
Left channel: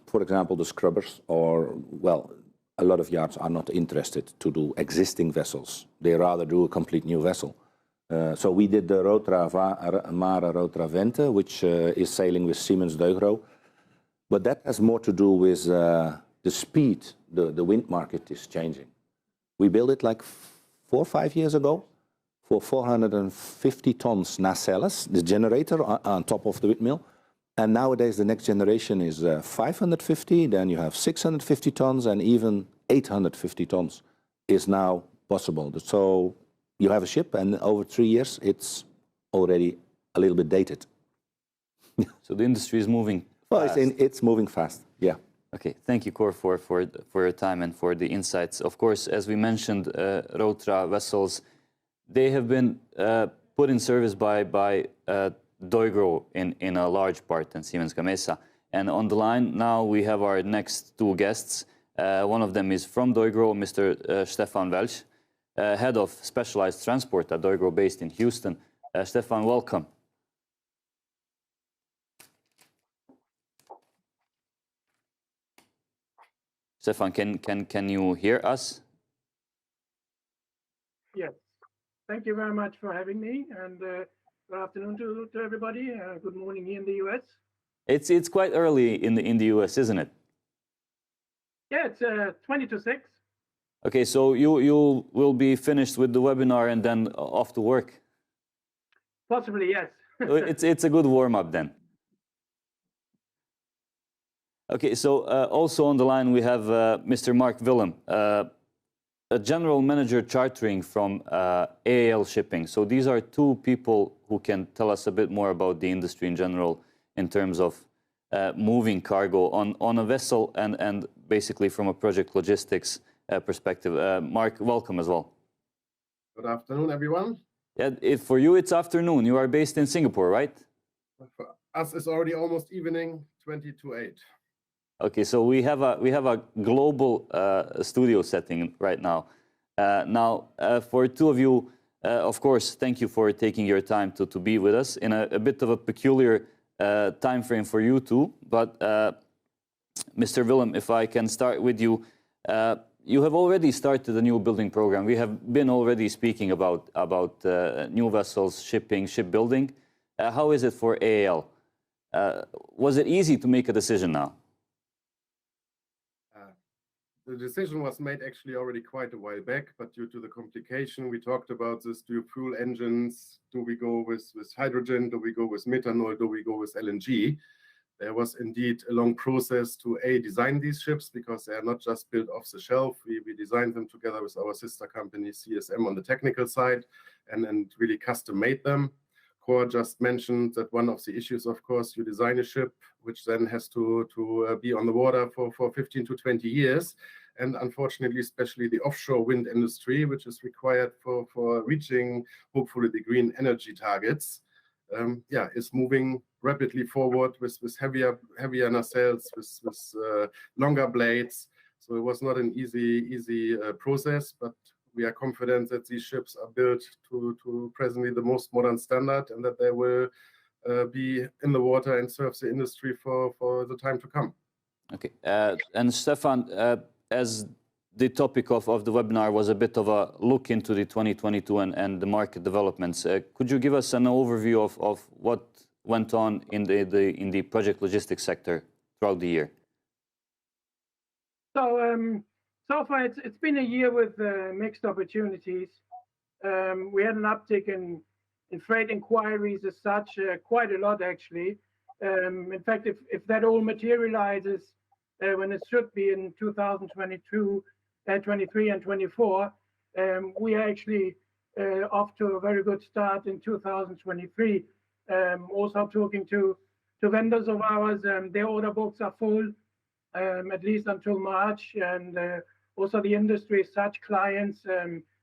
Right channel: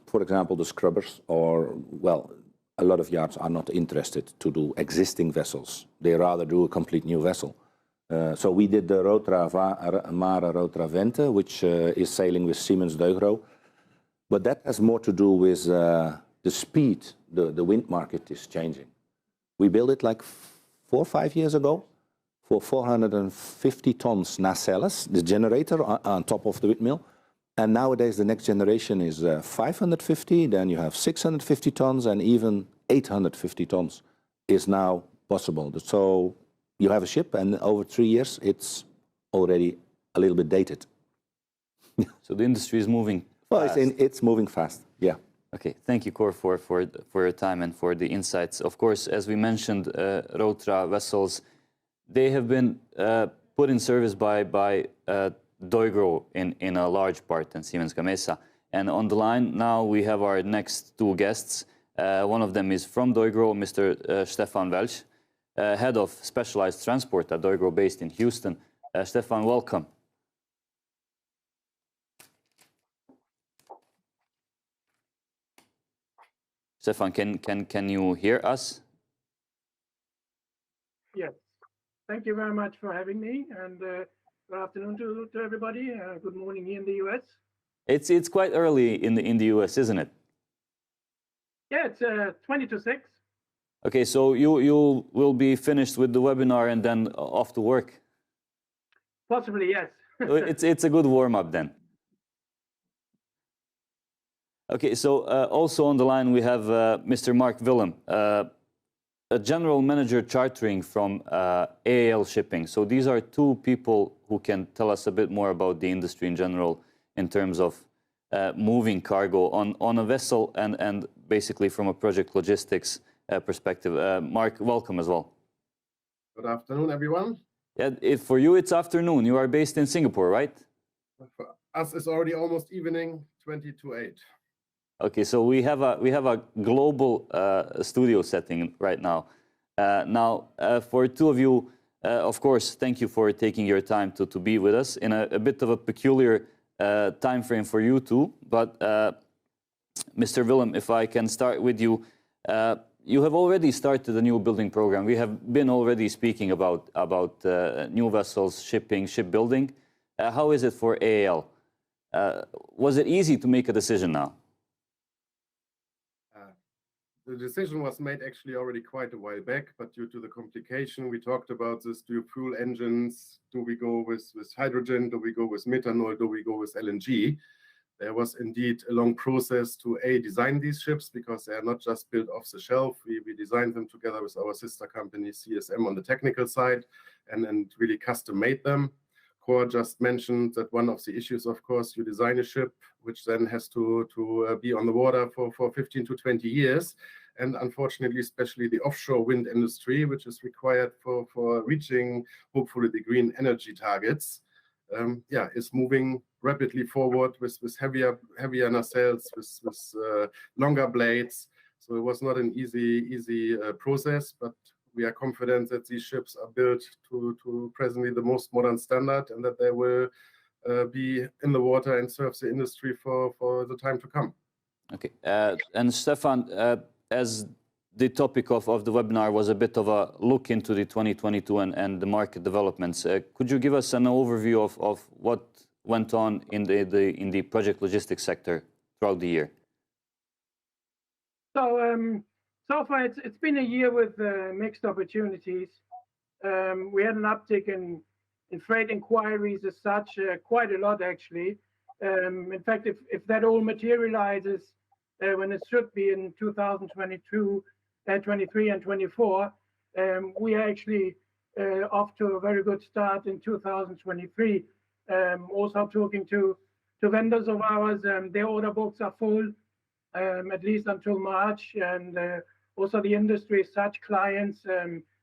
for example, the scrubbers, or, well, a lot of yards are not interested to do existing vessels. They rather do a complete new vessel. So we did the Mare Rotra Vente, which is sailing with Siemens deugro. But that has more to do with the speed the wind market is changing. We built it like 4 or 5 years ago for 450 tons nacelles, the generator on top of the windmill. And nowadays the next generation is 550, then you have 650 tons, and even 850 tons is now possible. So you have a ship, and over 3 years it's already a little bit dated. So the industry is moving. Well, it's moving fast, yeah. Okay, thank you, Cor, for your time and for the insights. Of course, as we mentioned, Rotra vessels, they have been put in service by deugro in a large part, in Siemens Gamesa. And on the line now we have our next two guests. One of them is from deugro, Mr. Stefan Welch, head of specialized transport at deugro based in Houston. Stefan, welcome. Stefan, can you hear us? Yes. Thank you very much for having me, and good afternoon to everybody. Good morning here in the US. It's quite early in the US, isn't it? Yeah, it's 20 to 6. Okay, so you will be finished with the webinar and then off to work. Possibly, yes. It's a good warm up then. Okay, so also on the line we have Mr. Marc Willim, a general manager chartering from AAL Shipping. So these are two people who can tell us a bit more about the industry in general in terms of moving cargo on a vessel and basically from a project logistics perspective. Marc, welcome as well. Good afternoon, everyone. Yeah, for you it's afternoon. You are based in Singapore, right? For us, it's already almost evening, 20 to 8. Okay, so we have a global studio setting right now. For two of you, of course, thank you for taking your time to be with us in a bit of a peculiar time frame for you too. But Mr. Willim, if I can start with you, you have already started a new building program. We have been already speaking about new vessels, shipping, shipbuilding. How is it for AAL? Was it easy to make a decision now? The decision was made actually already quite a while back, but due to the complication, we talked about this dual fuel engines. Do we go with hydrogen? Do we go with methanol? Do we go with LNG? There was indeed a long process to design these ships because they are not just built off the shelf. We designed them together with our sister company CSM on the technical side and really custom made them. Cor just mentioned that one of the issues, of course, you design a ship which then has to be on the water for 15 to 20 years. And unfortunately, especially the offshore wind industry, which is required for reaching, hopefully, the green energy targets, is moving rapidly forward with heavier nacelles, with longer blades. So it was not an easy process, but we are confident that these ships are built to presently the most modern standard and that they will be in the water and serve the industry for the time to come. Okay. And Stefan, as the topic of the webinar was a bit of a look into the 2022 and the market developments, could you give us an overview of what went on in the project logistics sector throughout the year? So far, it's been a year with mixed opportunities. We had an uptick in freight inquiries as such, quite a lot actually. In fact, if that all materializes when it should be in 2022, 23 and 24, we are actually off to a very good start in 2023. Also talking to vendors of ours, their order books are full, at least until March, and also the industry, such clients,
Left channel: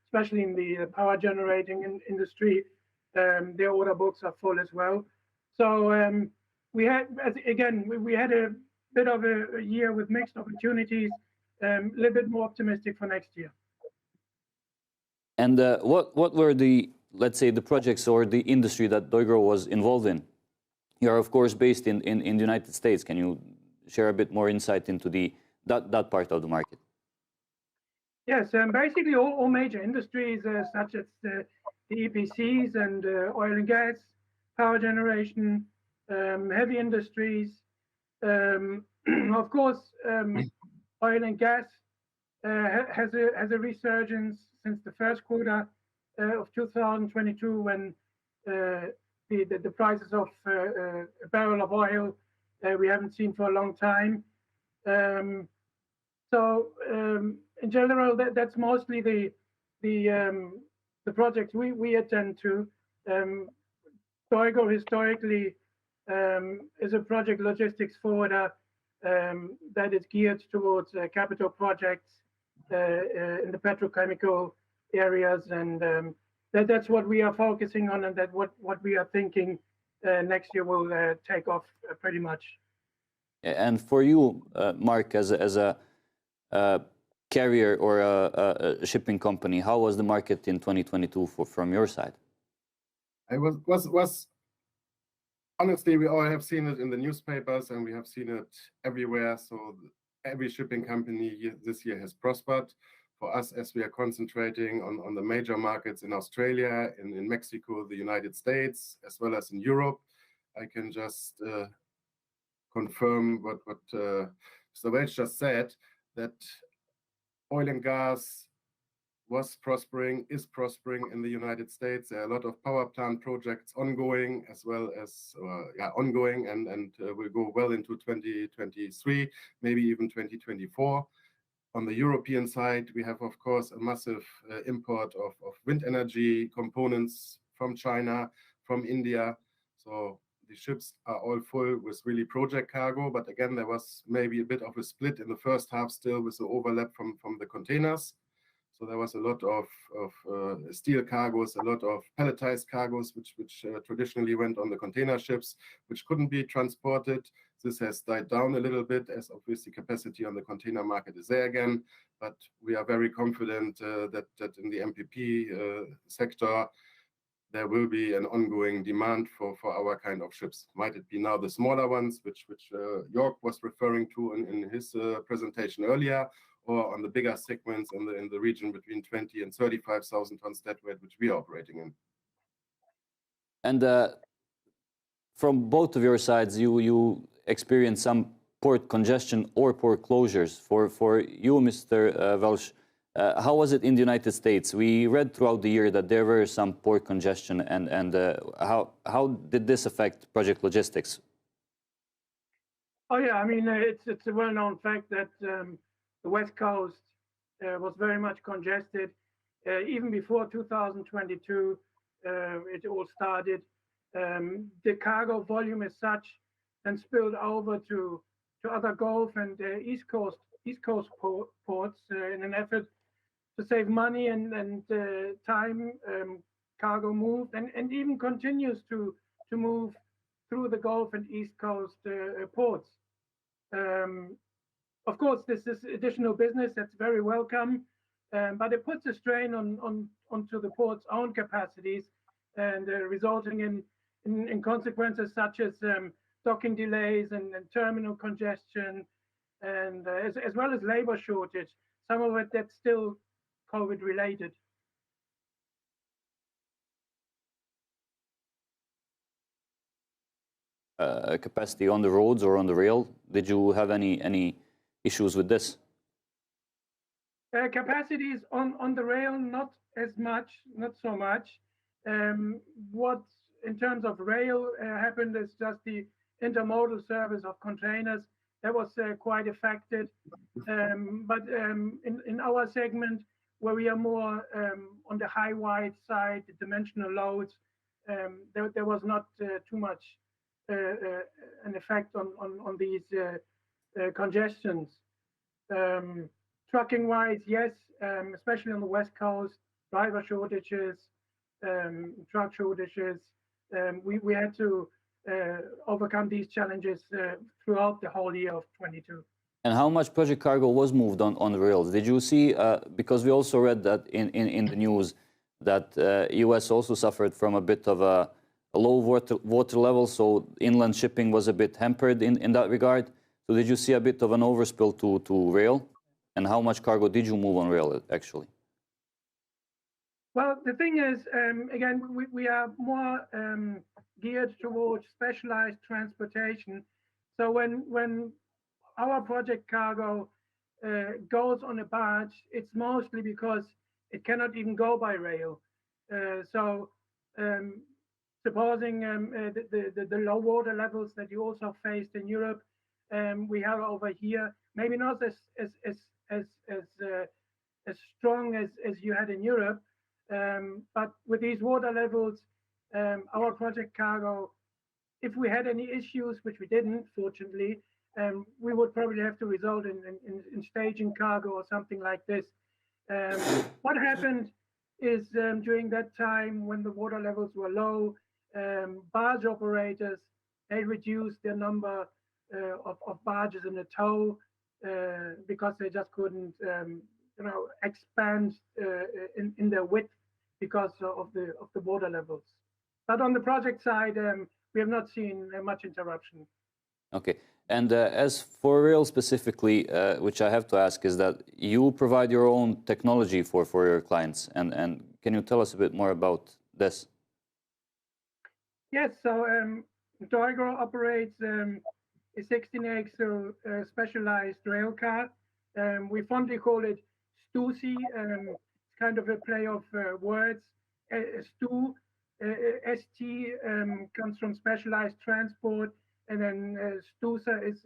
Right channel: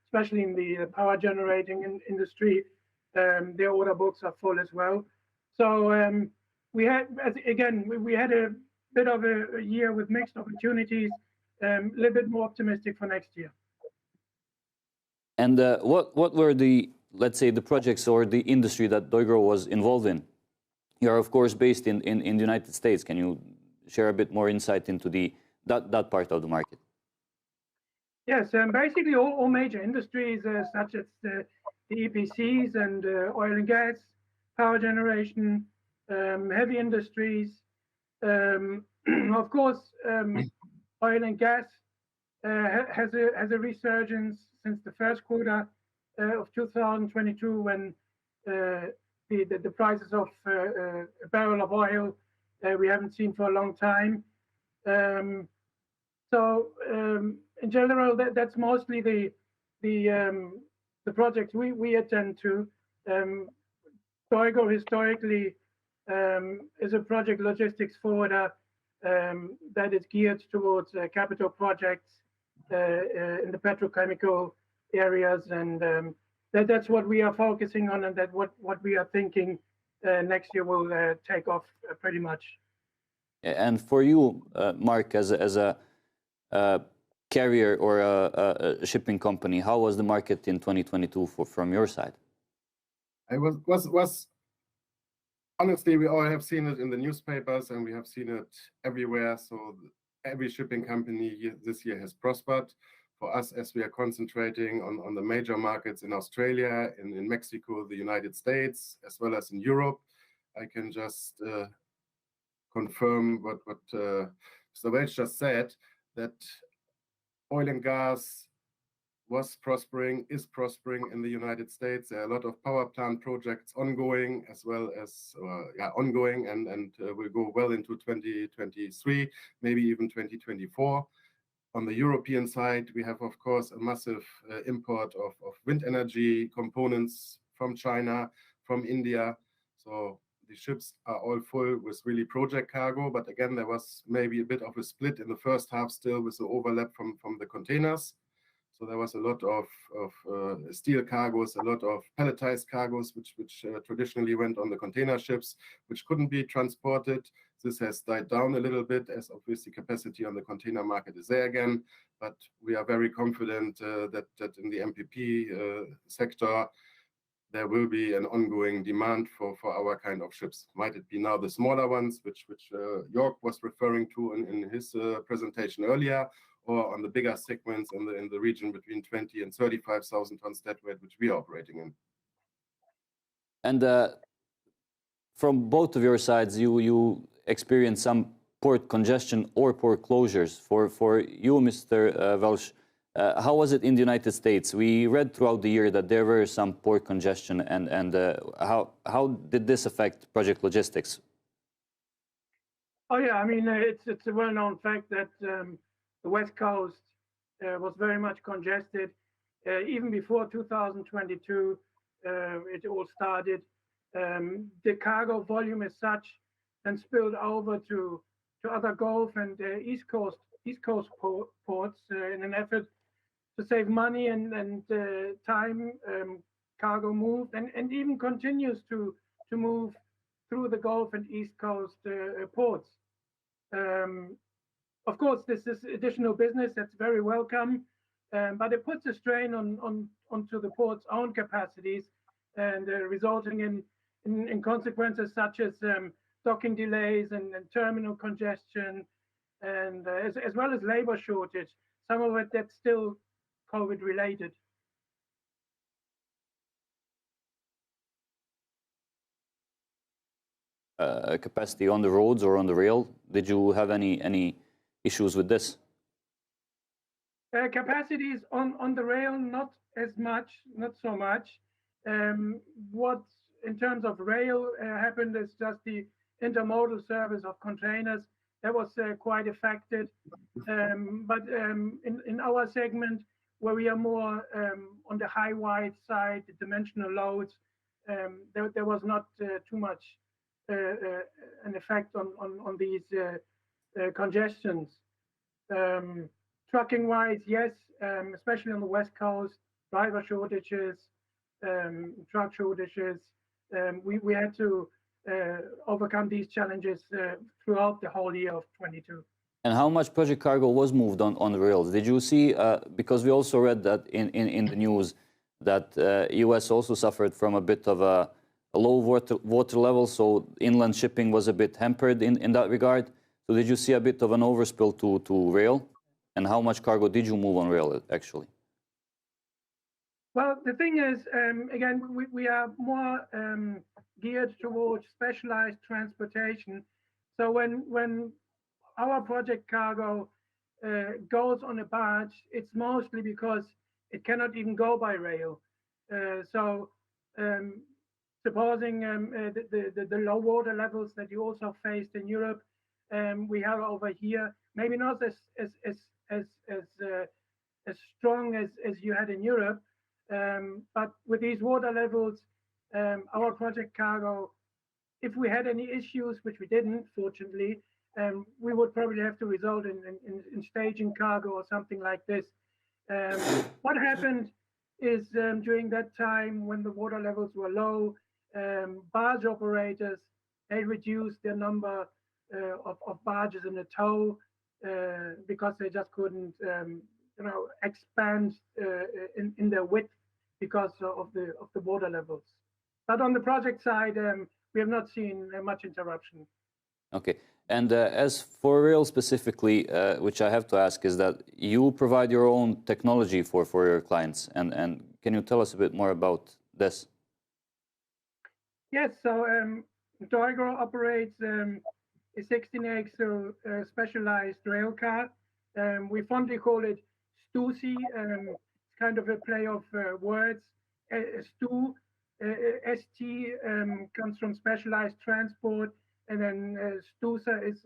especially in the power generating industry, their order books are full as well. So we had a bit of a year with mixed opportunities, a little bit more optimistic for next year. And what were the, let's say, the projects or the industry that deugro was involved in? You are, of course, based in the United States. Can you share a bit more insight into that part of the market? Yes, basically all major industries such as the EPCs and oil and gas, power generation, heavy industries. Of course, oil and gas has a resurgence since the first quarter of 2022 when the prices of a barrel of oil we haven't seen for a long time. In general, that's mostly the projects we attend to. deugro historically is a project logistics forwarder that is geared towards capital projects in the petrochemical areas, and that's what we are focusing on, and that what we are thinking next year will take off pretty much. And for you, Marc, as a carrier or a shipping company, how was the market in 2022 from your side? I was honestly, we all have seen it in the newspapers and we have seen it everywhere. So every shipping company this year has prospered. For us, as we are concentrating on the major markets in Australia, in Mexico, the United States, as well as in Europe, I can just confirm what Mr. Welch just said, that oil and gas was prospering, is prospering in the United States. There are a lot of power plant projects ongoing, as well as ongoing, and will go well into 2023, maybe even 2024. On the European side, we have, of course, a massive import of wind energy components from China, from India. So the ships are all full with really project cargo. But again, there was maybe a bit of a split in the first half still with the overlap from the containers. So there was a lot of steel cargoes, a lot of pelletized cargoes, which traditionally went on the container ships, which couldn't be transported. This has died down a little bit, as obviously capacity on the container market is there again. But we are very confident that in the MPP sector, there will be an ongoing demand for our kind of ships. Might it be now the smaller ones, which Yorck was referring to in his presentation earlier, or on the bigger segments in the region between 20 and 35,000 tons deadweight, which we are operating in. And from both of your sides, you experience some port congestion or port closures. For you, Mr. Welch, how was it in the United States? We read throughout the year that there were some port congestion, and how did this affect project logistics? Oh yeah, I mean it's a well-known fact that the West Coast was very much congested even before 2022. It all started. The cargo volume as such and spilled over to other Gulf and East Coast ports in an effort to save money and time. Cargo moved and even continues to move through the Gulf and East Coast ports. Of course, this is additional business that's very welcome, but it puts a strain onto the port's own capacities and resulting in consequences such as docking delays and terminal congestion, and as well as labor shortage. Some of it that's still COVID related. Capacity on the roads or on the rail? Did you have any issues with this? Capacities on the rail, not so much. What in terms of rail happened is just the intermodal service of containers that was quite affected. But in our segment, where we are more on the high wide side, the dimensional loads, there was not too much an effect on these congestions. Trucking wise, yes, especially on the West Coast, driver shortages, truck shortages. We had to overcome these challenges throughout the whole year of 22. And how much project cargo was moved on the rails? Did you see, because we also read that in the news, that US also suffered from a bit of a low water level, so inland shipping was a bit hampered in that regard. So did you see a bit of an overspill to rail? And how much cargo did you move on rail, actually? Well, the thing is, again, we are more geared towards specialized transportation. So when our project cargo goes on a barge, it's mostly because it cannot even go by rail. So supposing the low water levels that you also faced in Europe, we have over here, maybe not as strong as you had in Europe, but with these water levels, our project cargo, if we had any issues, which we didn't, fortunately, we would probably have to result in staging cargo or something like this. What happened is during that time when the water levels were low, barge operators, they reduced their number of barges in the tow because they just couldn't expand in their width because of the water levels. But on the project side, we have not seen much interruption. Okay. And as for rail specifically, which I have to ask, is that you provide your own technology for your clients. And can you tell us a bit more about this? Yes. So deugro operates a 16-axle specialized rail car. We fondly call it STUSI. It's kind of a play of words. STU, ST comes from Specialized Transport, and then STUSA is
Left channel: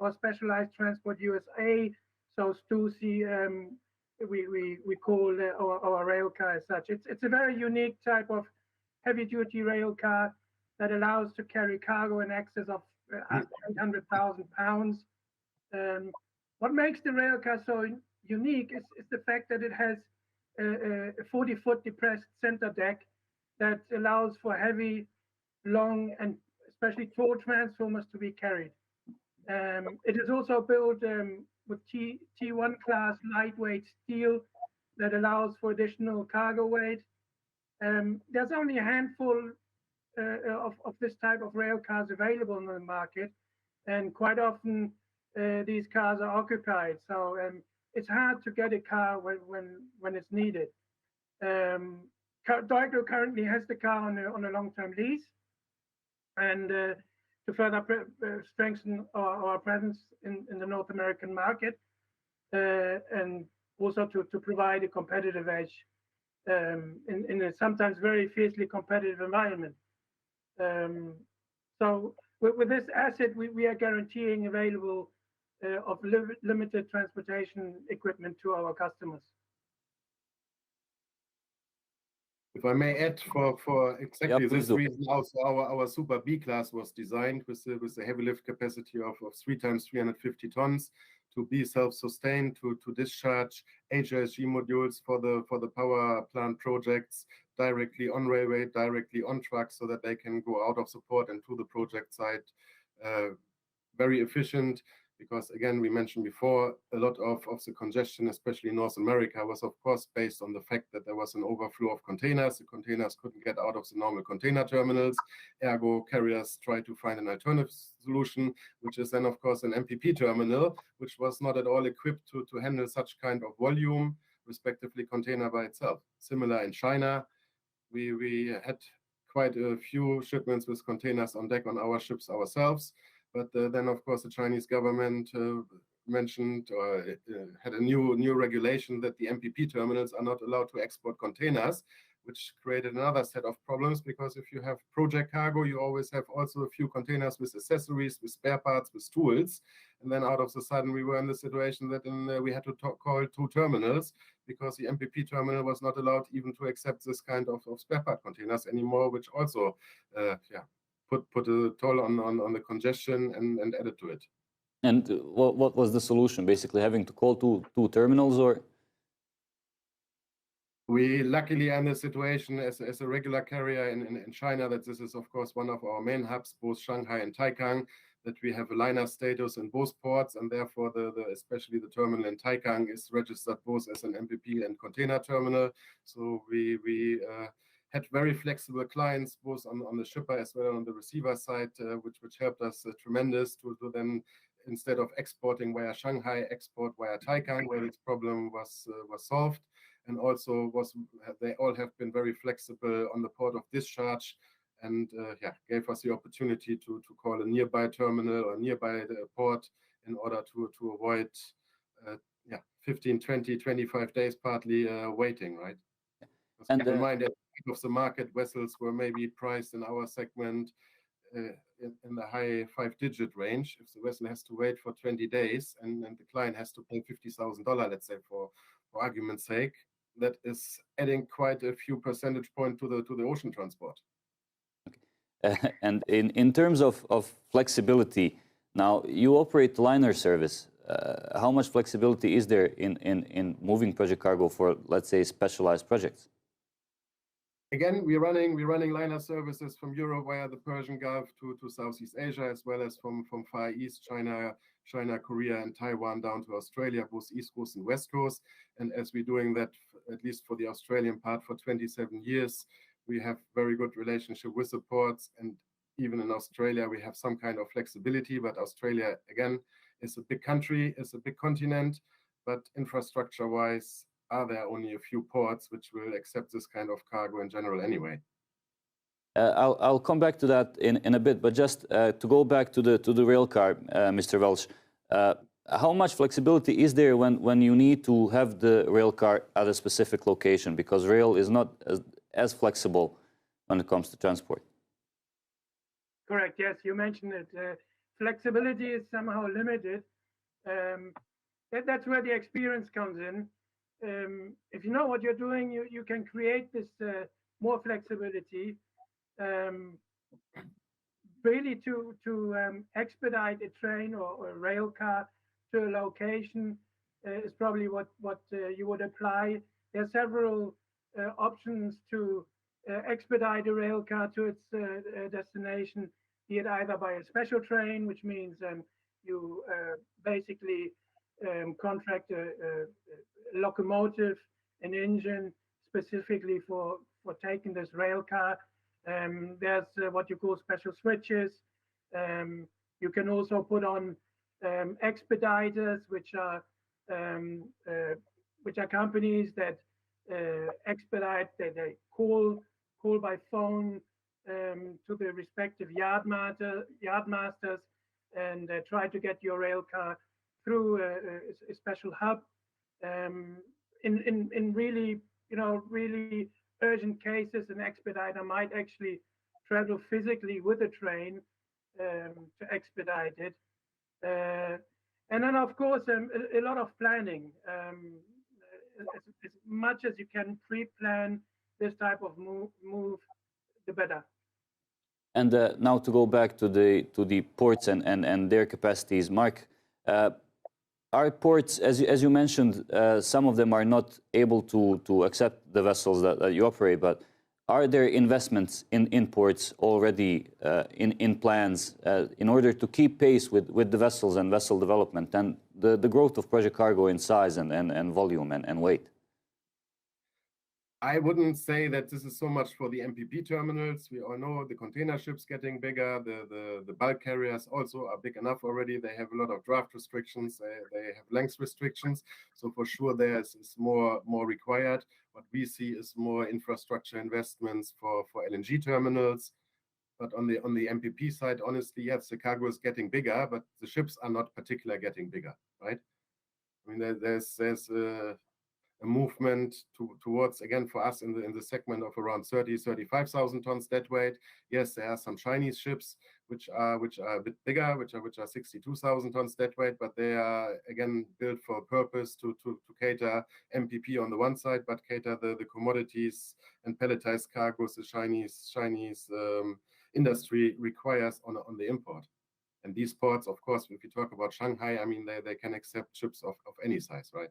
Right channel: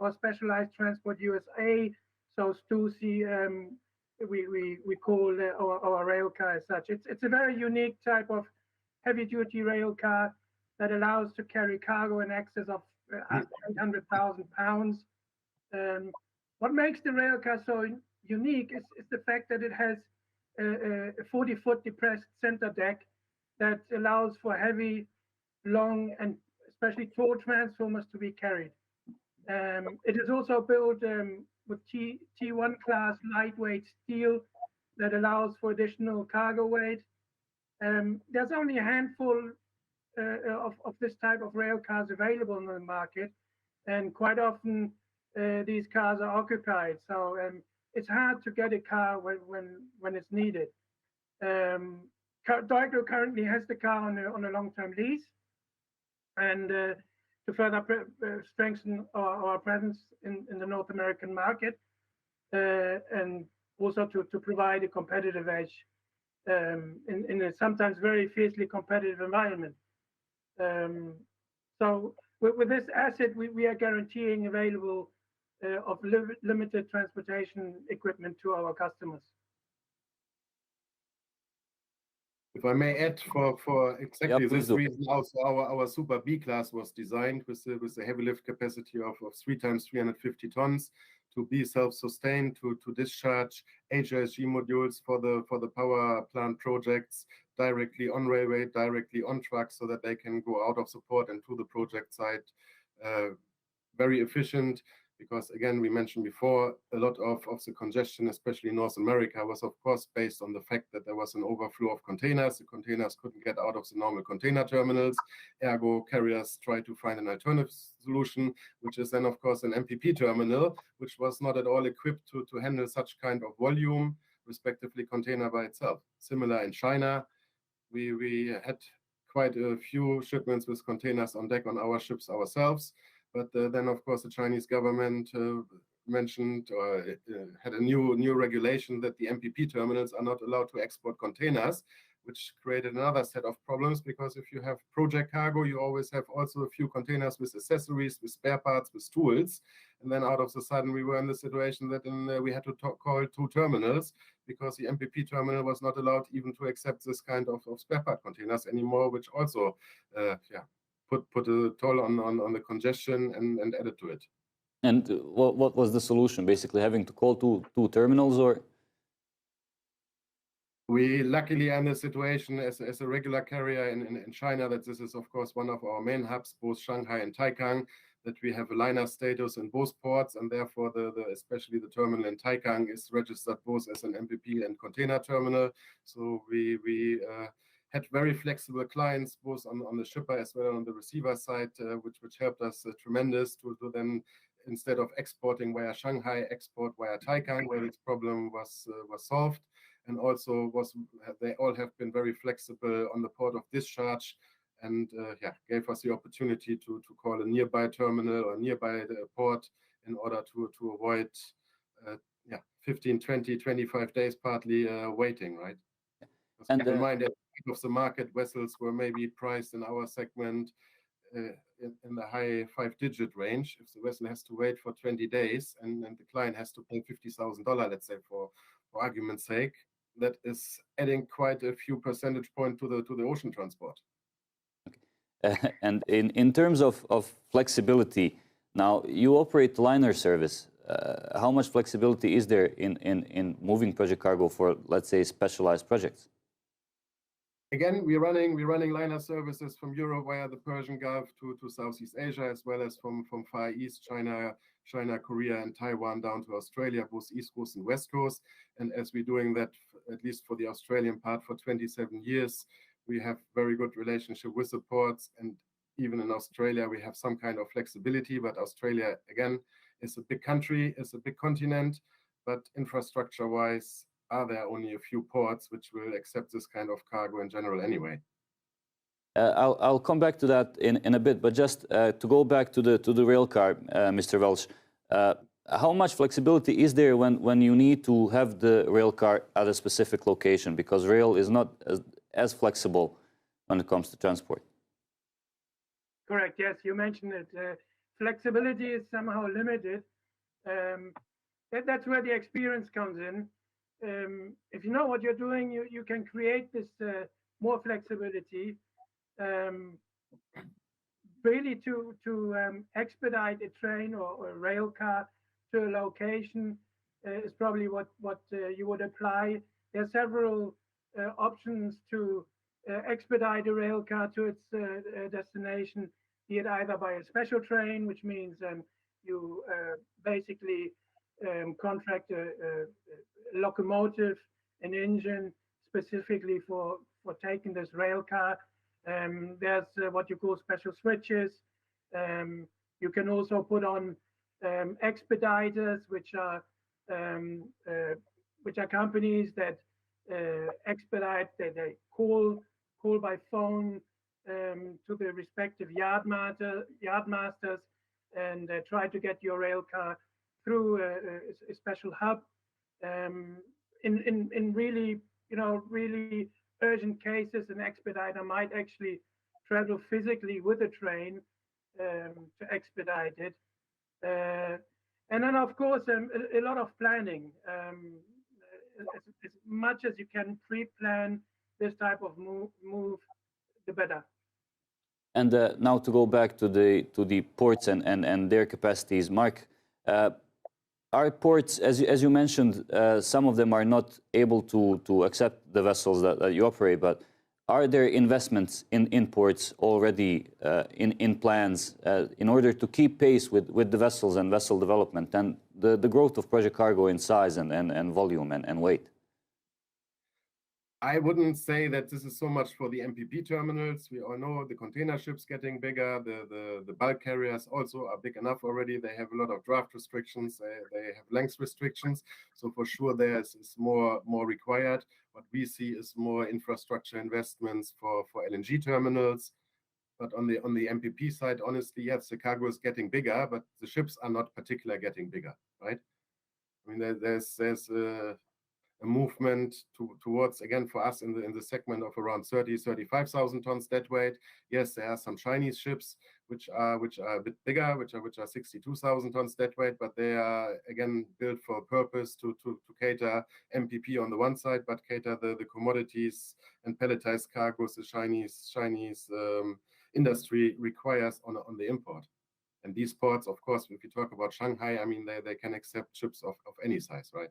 our Specialized Transport USA. So STUSI we call our rail car as such. It's a very unique type of heavy-duty rail car that allows to carry cargo in excess of 800,000 pounds. What makes the rail car so unique is the fact that it has a 40-foot depressed center deck that allows for heavy, long, and especially tall transformers to be carried. It is also built with T1 class lightweight steel that allows for additional cargo weight. There's only a handful of this type of rail cars available in the market, and quite often these cars are occupied. So it's hard to get a car when it's needed. deugro currently has the car on a long-term lease, and to further strengthen our presence in the North American market, and also to provide a competitive edge in a sometimes very fiercely competitive environment. So with this asset, we are guaranteeing available of limited transportation equipment to our customers. If I may add, for exactly this reason, also our Super B class was designed with a heavy lift capacity of 3 times 350 tons to be self-sustained, to discharge HRSG modules for the power plant projects directly on railway, directly on trucks, so that they can go out of support and to the project site very efficient. Because again, we mentioned before, a lot of the congestion, especially in North America, was of course based on the fact that there was an overflow of containers. The containers couldn't get out of the normal container terminals. Ergo, carriers tried to find an alternative solution, which is then of course an MPP terminal, which was not at all equipped to handle such kind of volume, respectively container by itself. Similar in China, we had quite a few shipments with containers on deck on our ships ourselves. But then, of course, the Chinese government mentioned or had a new regulation that the MPP terminals are not allowed to export containers, which created another set of problems, because if you have project cargo, you always have also a few containers with accessories, with spare parts, with tools. And then out of the sudden, we were in the situation that we had to call 2 terminals, because the MPP terminal was not allowed even to accept this kind of spare part containers anymore, which also, put a toll on the congestion and added to it. And what was the solution? Basically having to call two terminals, or? We luckily are in a situation as a regular carrier in China that this is of course one of our main hubs, both Shanghai and Taikang, that we have a liner status in both ports, and therefore especially the terminal in Taikang is registered both as an MPP and container terminal. So we had very flexible clients, both on the shipper as well as on the receiver side, which helped us tremendous to then, instead of exporting via Shanghai, export via Taikang, where this problem was solved. And also they all have been very flexible on the port of discharge, and gave us the opportunity to call a nearby terminal or nearby the port in order to avoid 15, 20, 25 days partly waiting, right? And keep in mind that of the market vessels were maybe priced in our segment in the high 5-digit range. If the vessel has to wait for 20 days and the client has to pay $50,000, let's say, for argument's sake, that is adding quite a few percentage points to the ocean transport. And in terms of flexibility, now you operate liner service. How much flexibility is there in moving project cargo for, let's say, specialized projects? Again, we're running liner services from Europe via the Persian Gulf to Southeast Asia, as well as from Far East, China, Korea, and Taiwan down to Australia, both East Coast and West Coast. And as we're doing that, at least for the Australian part, for 27 years, we have very good relationship with the ports. And even in Australia, we have some kind of flexibility. But Australia, again, is a big country, is a big continent, but infrastructure-wise, are there only a few ports which will accept this kind of cargo in general anyway. I'll come back to that in a bit, but just to go back to the rail car, Mr. Welch, how much flexibility is there when you need to have the rail car at a specific location? Because rail is not as flexible when it comes to transport. Correct. Yes, you mentioned it. Flexibility is somehow limited. That's where the experience comes in. If you know what you're doing, you can create this more flexibility. Really to expedite a train or a rail car to a location is probably what you would apply. There are several options to expedite a rail car to its destination, be it either by a special train, which means you basically contract a locomotive, an engine specifically for taking this rail car. There's what you call special switches. You can also put on expediters, which are companies that expedite. They call by phone to the respective yardmasters and try to get your rail car through a special hub. In really, really urgent cases, an expediter might actually travel physically with a train to expedite it. And then, of course, a lot of planning. As much as you can pre-plan this type of move, the better. And now to go back to the ports and their capacities, Marc, our ports, as you mentioned, some of them are not able to accept the vessels that you operate, but are there investments in ports already in plans in order to keep pace with the vessels and vessel development and the growth of project cargo in size and volume and weight? I wouldn't say that this is so much for the MPP terminals. We all know the container ships getting bigger. The bulk carriers also are big enough already. They have a lot of draft restrictions. They have length restrictions. So for sure there is more required. What we see is more infrastructure investments for LNG terminals. But on the MPP side, honestly, yes, the cargo is getting bigger, but the ships are not particularly getting bigger, right? I mean, there's a movement towards, again, for us in the segment of around 35,000 tons deadweight. Yes, there are some Chinese ships which are a bit bigger, which are 62,000 tons deadweight, but they are again built for a purpose to cater MPP on the one side, but cater the commodities and pelletized cargoes the Chinese industry requires on the import. And these ports, of course, if you talk about Shanghai, I mean, they can accept ships of any size, right?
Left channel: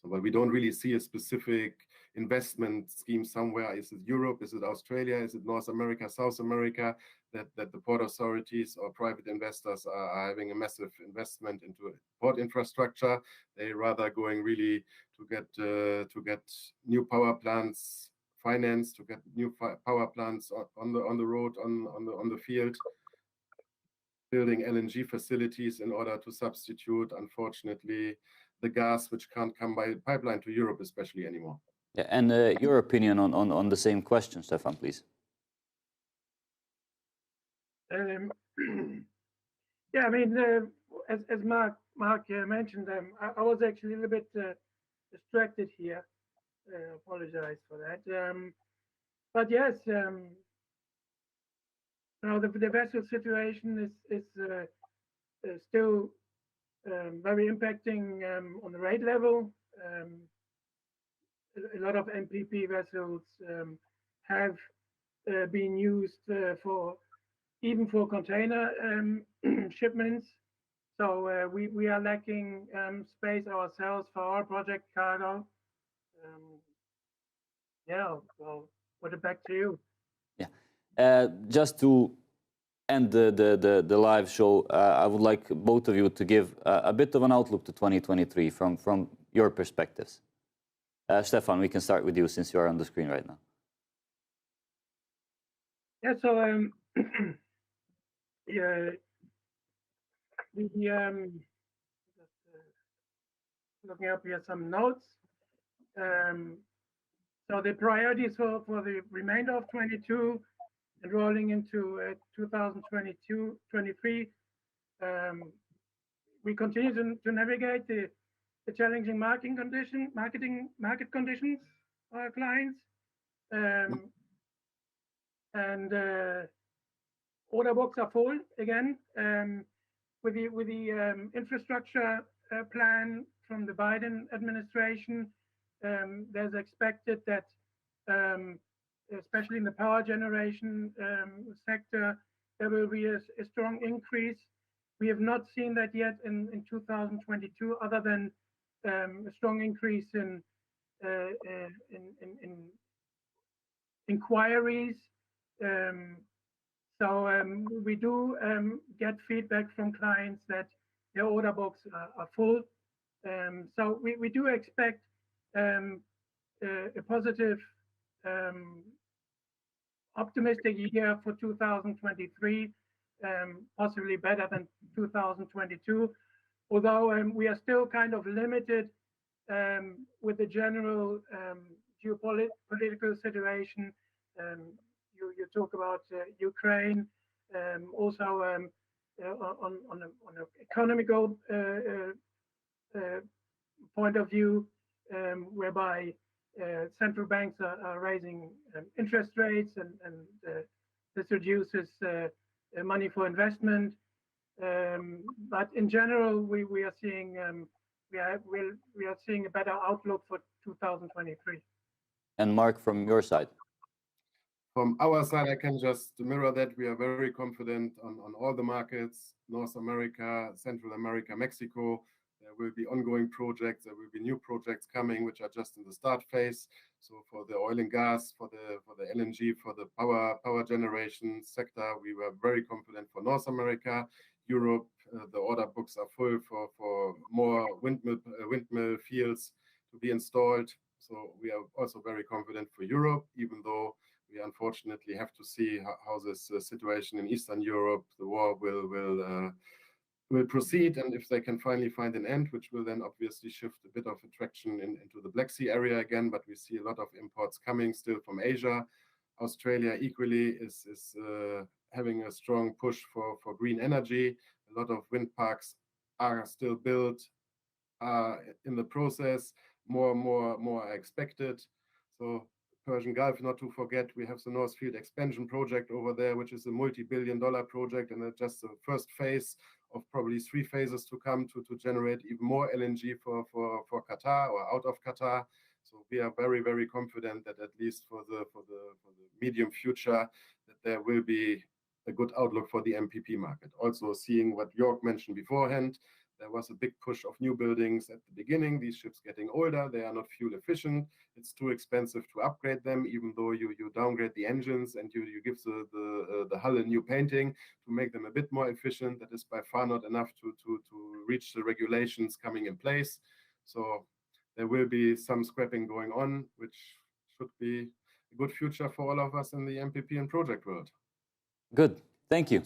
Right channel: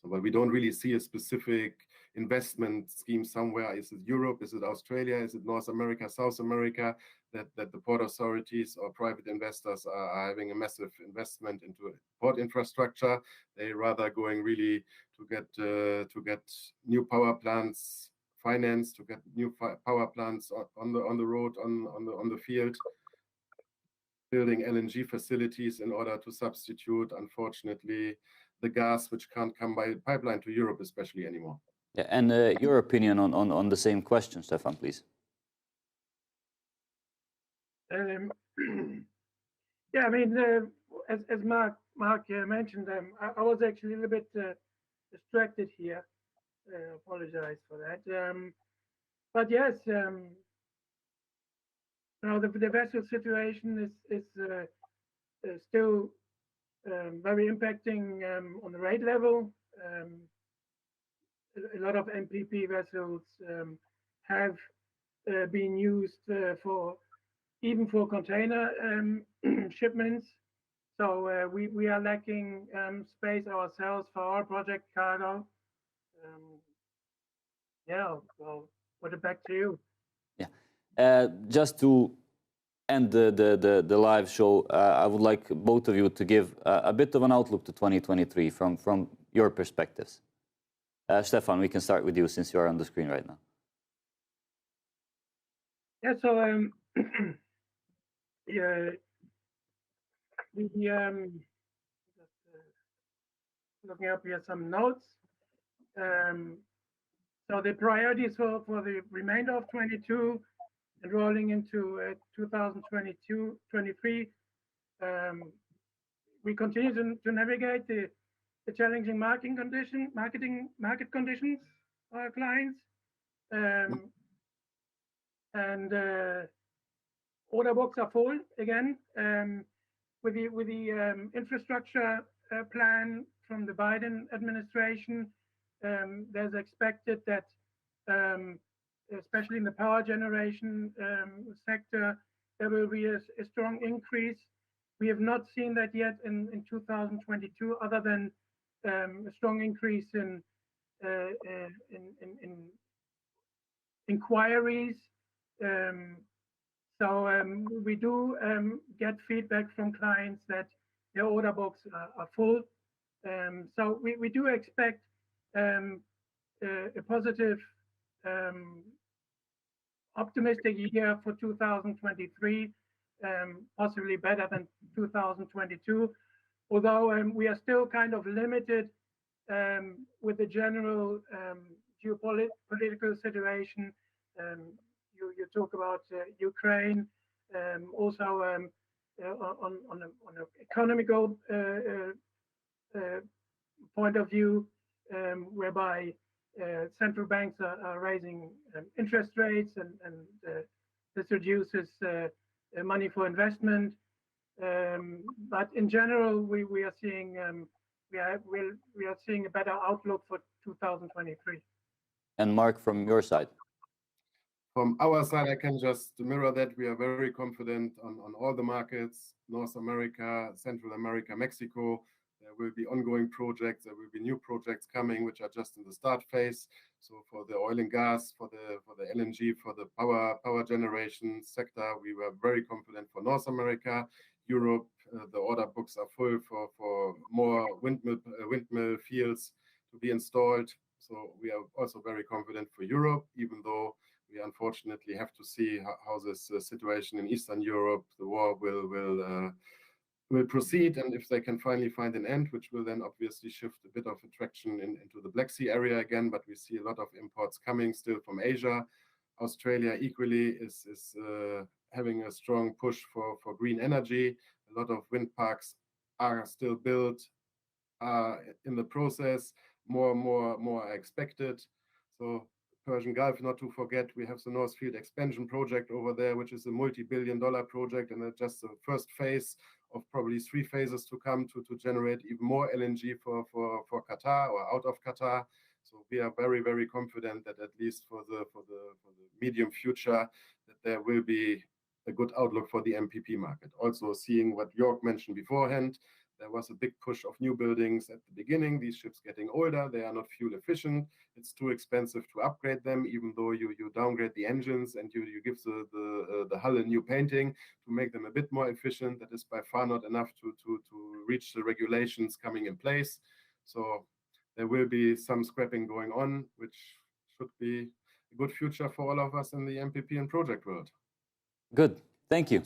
So, but we don't really see a specific investment scheme somewhere. Is it Europe? Is it Australia? Is it North America, South America? That the port authorities or private investors are having a massive investment into port infrastructure. They rather going really to get new power plants financed, to get new power plants on the road, on the field, building LNG facilities in order to substitute, unfortunately, the gas which can't come by pipeline to Europe, especially anymore. Yeah, and your opinion on the same question, Stefan, please. Yeah, I mean, as Marc mentioned, I was actually a little bit distracted here. Apologize for that. But yes, the vessel situation is still very impacting on the rate level. A lot of MPP vessels have been used even for container shipments. So we are lacking space ourselves for our project cargo. Yeah, well, put it back to you. Yeah, just to end the live show, I would like both of you to give a bit of an outlook to 2023 from your perspectives. Stefan, we can start with you since you are on the screen right now. Yeah, so yeah, looking up here some notes. So the priorities for the remainder of 22 and rolling into 2022-23, we continue to navigate the challenging market conditions for our clients. And order books are full again. With the infrastructure plan from the Biden administration, there's expected that, especially in the power generation sector, there will be a strong increase. We have not seen that yet in 2022, other than a strong increase in inquiries. So we do get feedback from clients that their order books are full. So we do expect a positive, optimistic year for 2023, possibly better than 2022. Although we are still kind of limited with the general geopolitical situation. You talk about Ukraine, also on an economical point of view, whereby central banks are raising interest rates, and this reduces money for investment. But in general, we are seeing a better outlook for 2023. And Mark, from your side. From our side, I can just mirror that. We are very confident on all the markets, North America, Central America, Mexico. There will be ongoing projects. There will be new projects coming, which are just in the start phase. So for the oil and gas, for the LNG, for the power generation sector, we were very confident for North America. Europe, the order books are full for more windmill fields to be installed. So we are also very confident for Europe, even though we unfortunately have to see how this situation in Eastern Europe, the war will proceed, and if they can finally find an end, which will then obviously shift a bit of attraction into the Black Sea area again. But we see a lot of imports coming still from Asia. Australia equally is having a strong push for green energy. A lot of wind parks are still built, in the process. More are expected. So Persian Gulf, not to forget, we have the North Field expansion project over there, which is a multi-billion-dollar project, and just the first phase of probably 3 phases to come to generate even more LNG for Qatar or out of Qatar. So we are very, very confident that at least for the medium future, that there will be a good outlook for the MPP market. Also seeing what Yorck mentioned beforehand, there was a big push of new buildings at the beginning. These ships getting older, they are not fuel efficient. It's too expensive to upgrade them, even though you downgrade the engines and you give the hull a new painting to make them a bit more efficient. That is by far not enough to reach the regulations coming in place. So there will be some scrapping going on, which should be a good future for all of us in the MPP and project world. Good, thank you.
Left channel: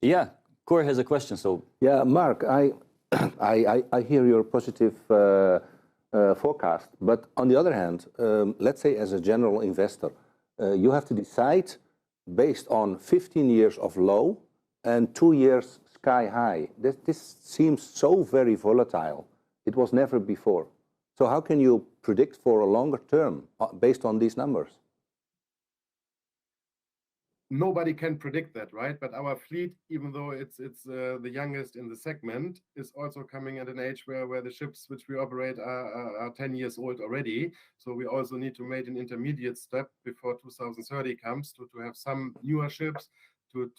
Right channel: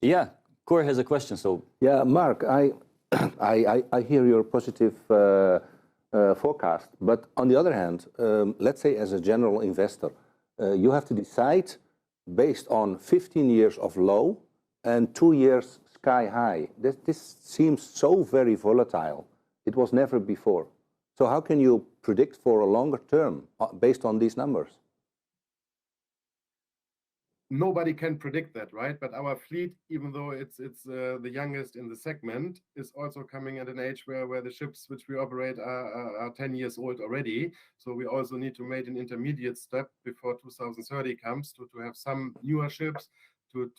Yeah, Cor has a question. So yeah, Marc, I hear your positive forecast, but on the other hand, let's say as a general investor, you have to decide based on 15 years of low and 2 years sky high. This seems so very volatile. It was never before. So how can you predict for a longer term based on these numbers? Nobody can predict that, right? But our fleet, even though it's the youngest in the segment, is also coming at an age where the ships which we operate are 10 years old already. So we also need to make an intermediate step before 2030 comes to have some newer ships to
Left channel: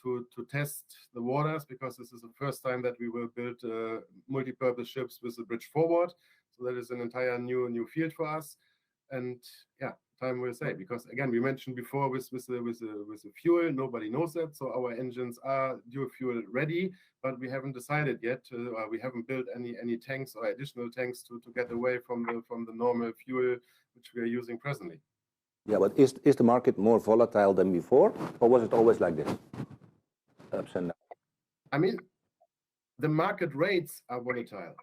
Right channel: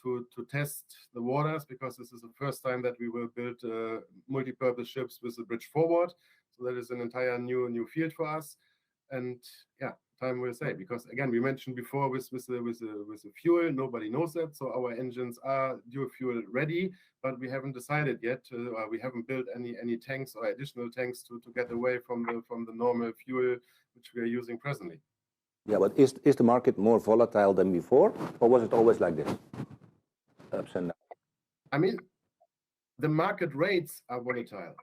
test the waters, because this is the first time that we will build multi-purpose ships with a bridge forward. So that is an entire new field for us. And yeah, time will say, because again, we mentioned before with the fuel, nobody knows that. So our engines are dual fuel ready, but we haven't decided yet. We haven't built any tanks or additional tanks to get away from the normal fuel which we are using presently. Yeah, but is the market more volatile than before, or was it always like this? Ups and downs. I mean, the market rates are volatile.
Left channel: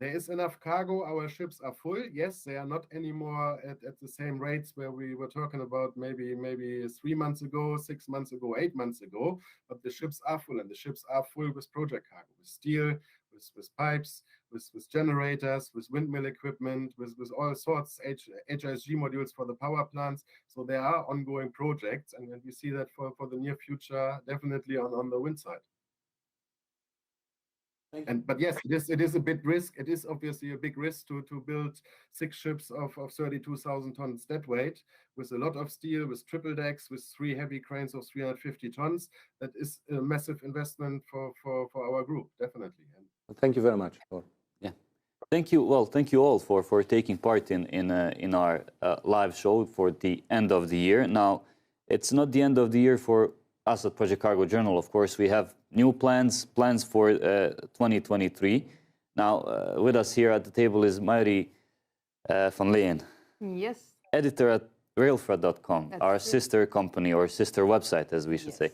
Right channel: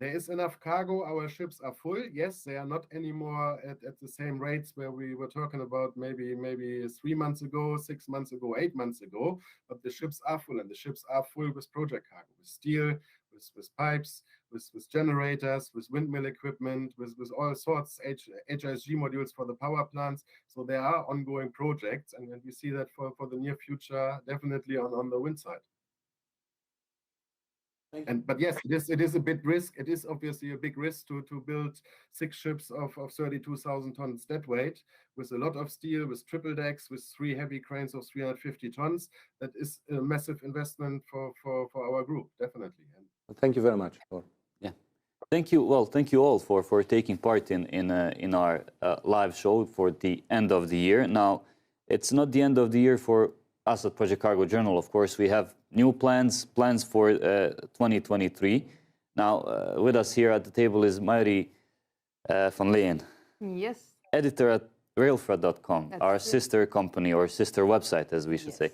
There is enough cargo. Our ships are full. Yes, they are not anymore at the same rates where we were talking about maybe 3 months ago, 6 months ago, 8 months ago. But the ships are full, and the ships are full with project cargo, with steel, with pipes, with generators, with windmill equipment, with all sorts HISG modules for the power plants. So there are ongoing projects, and we see that for the near future, definitely on the wind side. But yes, it is a big risk. It is obviously a big risk to build 6 ships of 32,000 tons dead weight with a lot of steel, with triple decks, with 3 heavy cranes of 350 tons. That is a massive investment for our group, definitely. Thank you very much. Yeah. Thank you. Well, thank you all for taking part in our live show for the end of the year. Now, it's not the end of the year for us at Project Cargo Journal. Of course, we have new plans for 2023. Now, with us here at the table is Mari van Leyen. Yes. Editor at railfred.com, our sister company or sister website, as we should say.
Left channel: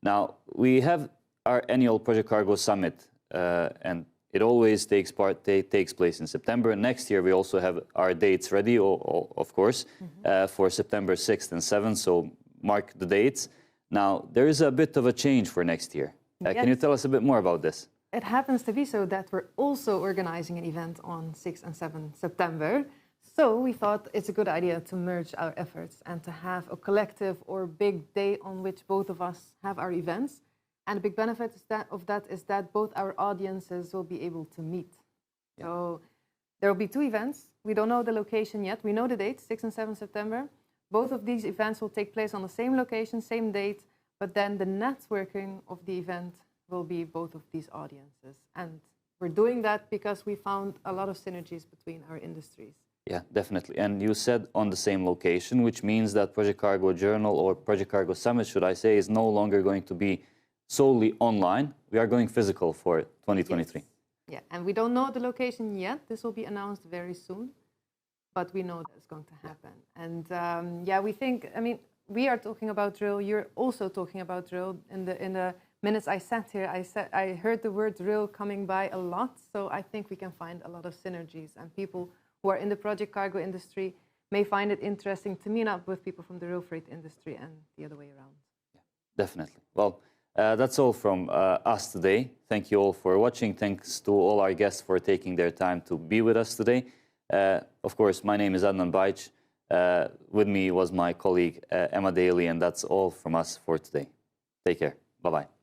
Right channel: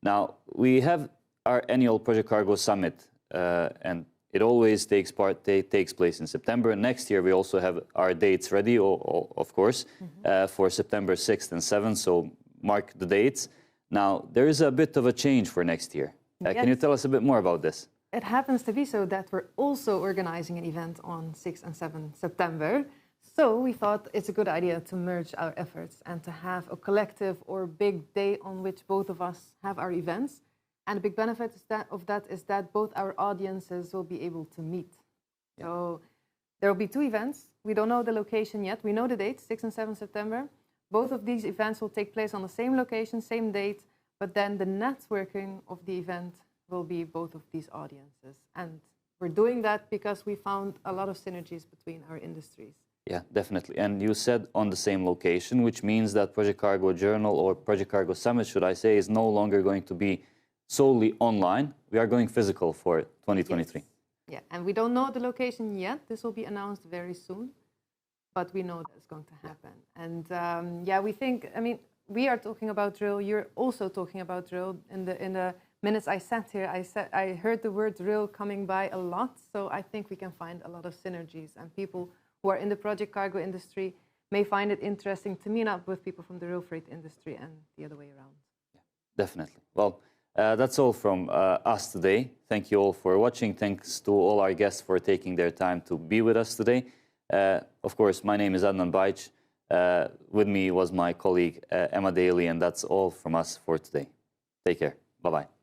Now, we have our annual Project Cargo Summit, and it always takes place in September. Next year, we also have our dates ready, of course, for September 6th and 7th, so mark the dates. Now, there is a bit of a change for next year. Can you tell us a bit more about this? It happens to be so that we're also organizing an event on 6 and 7 September. So we thought it's a good idea to merge our efforts and to have a collective or big day on which both of us have our events. And the big benefit of that is that both our audiences will be able to meet. Yeah. So there will be 2 events. We don't know the location yet. We know the date, 6 and 7 September. Both of these events will take place on the same location, same date, but then the networking of the event will be both of these audiences. And we're doing that because we found a lot of synergies between our industries. Yeah, definitely. And you said on the same location, which means that Project Cargo Journal or Project Cargo Summit, should I say, is no longer going to be solely online. We are going physical for 2023. Yes. Yeah, and we don't know the location yet. This will be announced very soon, but we know that's going to happen. And we think, I mean, we are talking about drill. You're also talking about drill. In the minutes I sat here, I heard the word drill coming by a lot. So I think we can find a lot of synergies, and people who are in the project cargo industry may find it interesting to meet up with people from the rail freight industry and the other way around. Yeah, definitely. Well, that's all from us today. Thank you all for watching. Thanks to all our guests for taking their time to be with us today. Of course, my name is Adnan Bajc. With me was my colleague Emma Daly, and that's all from us for today. Take care. Bye-bye.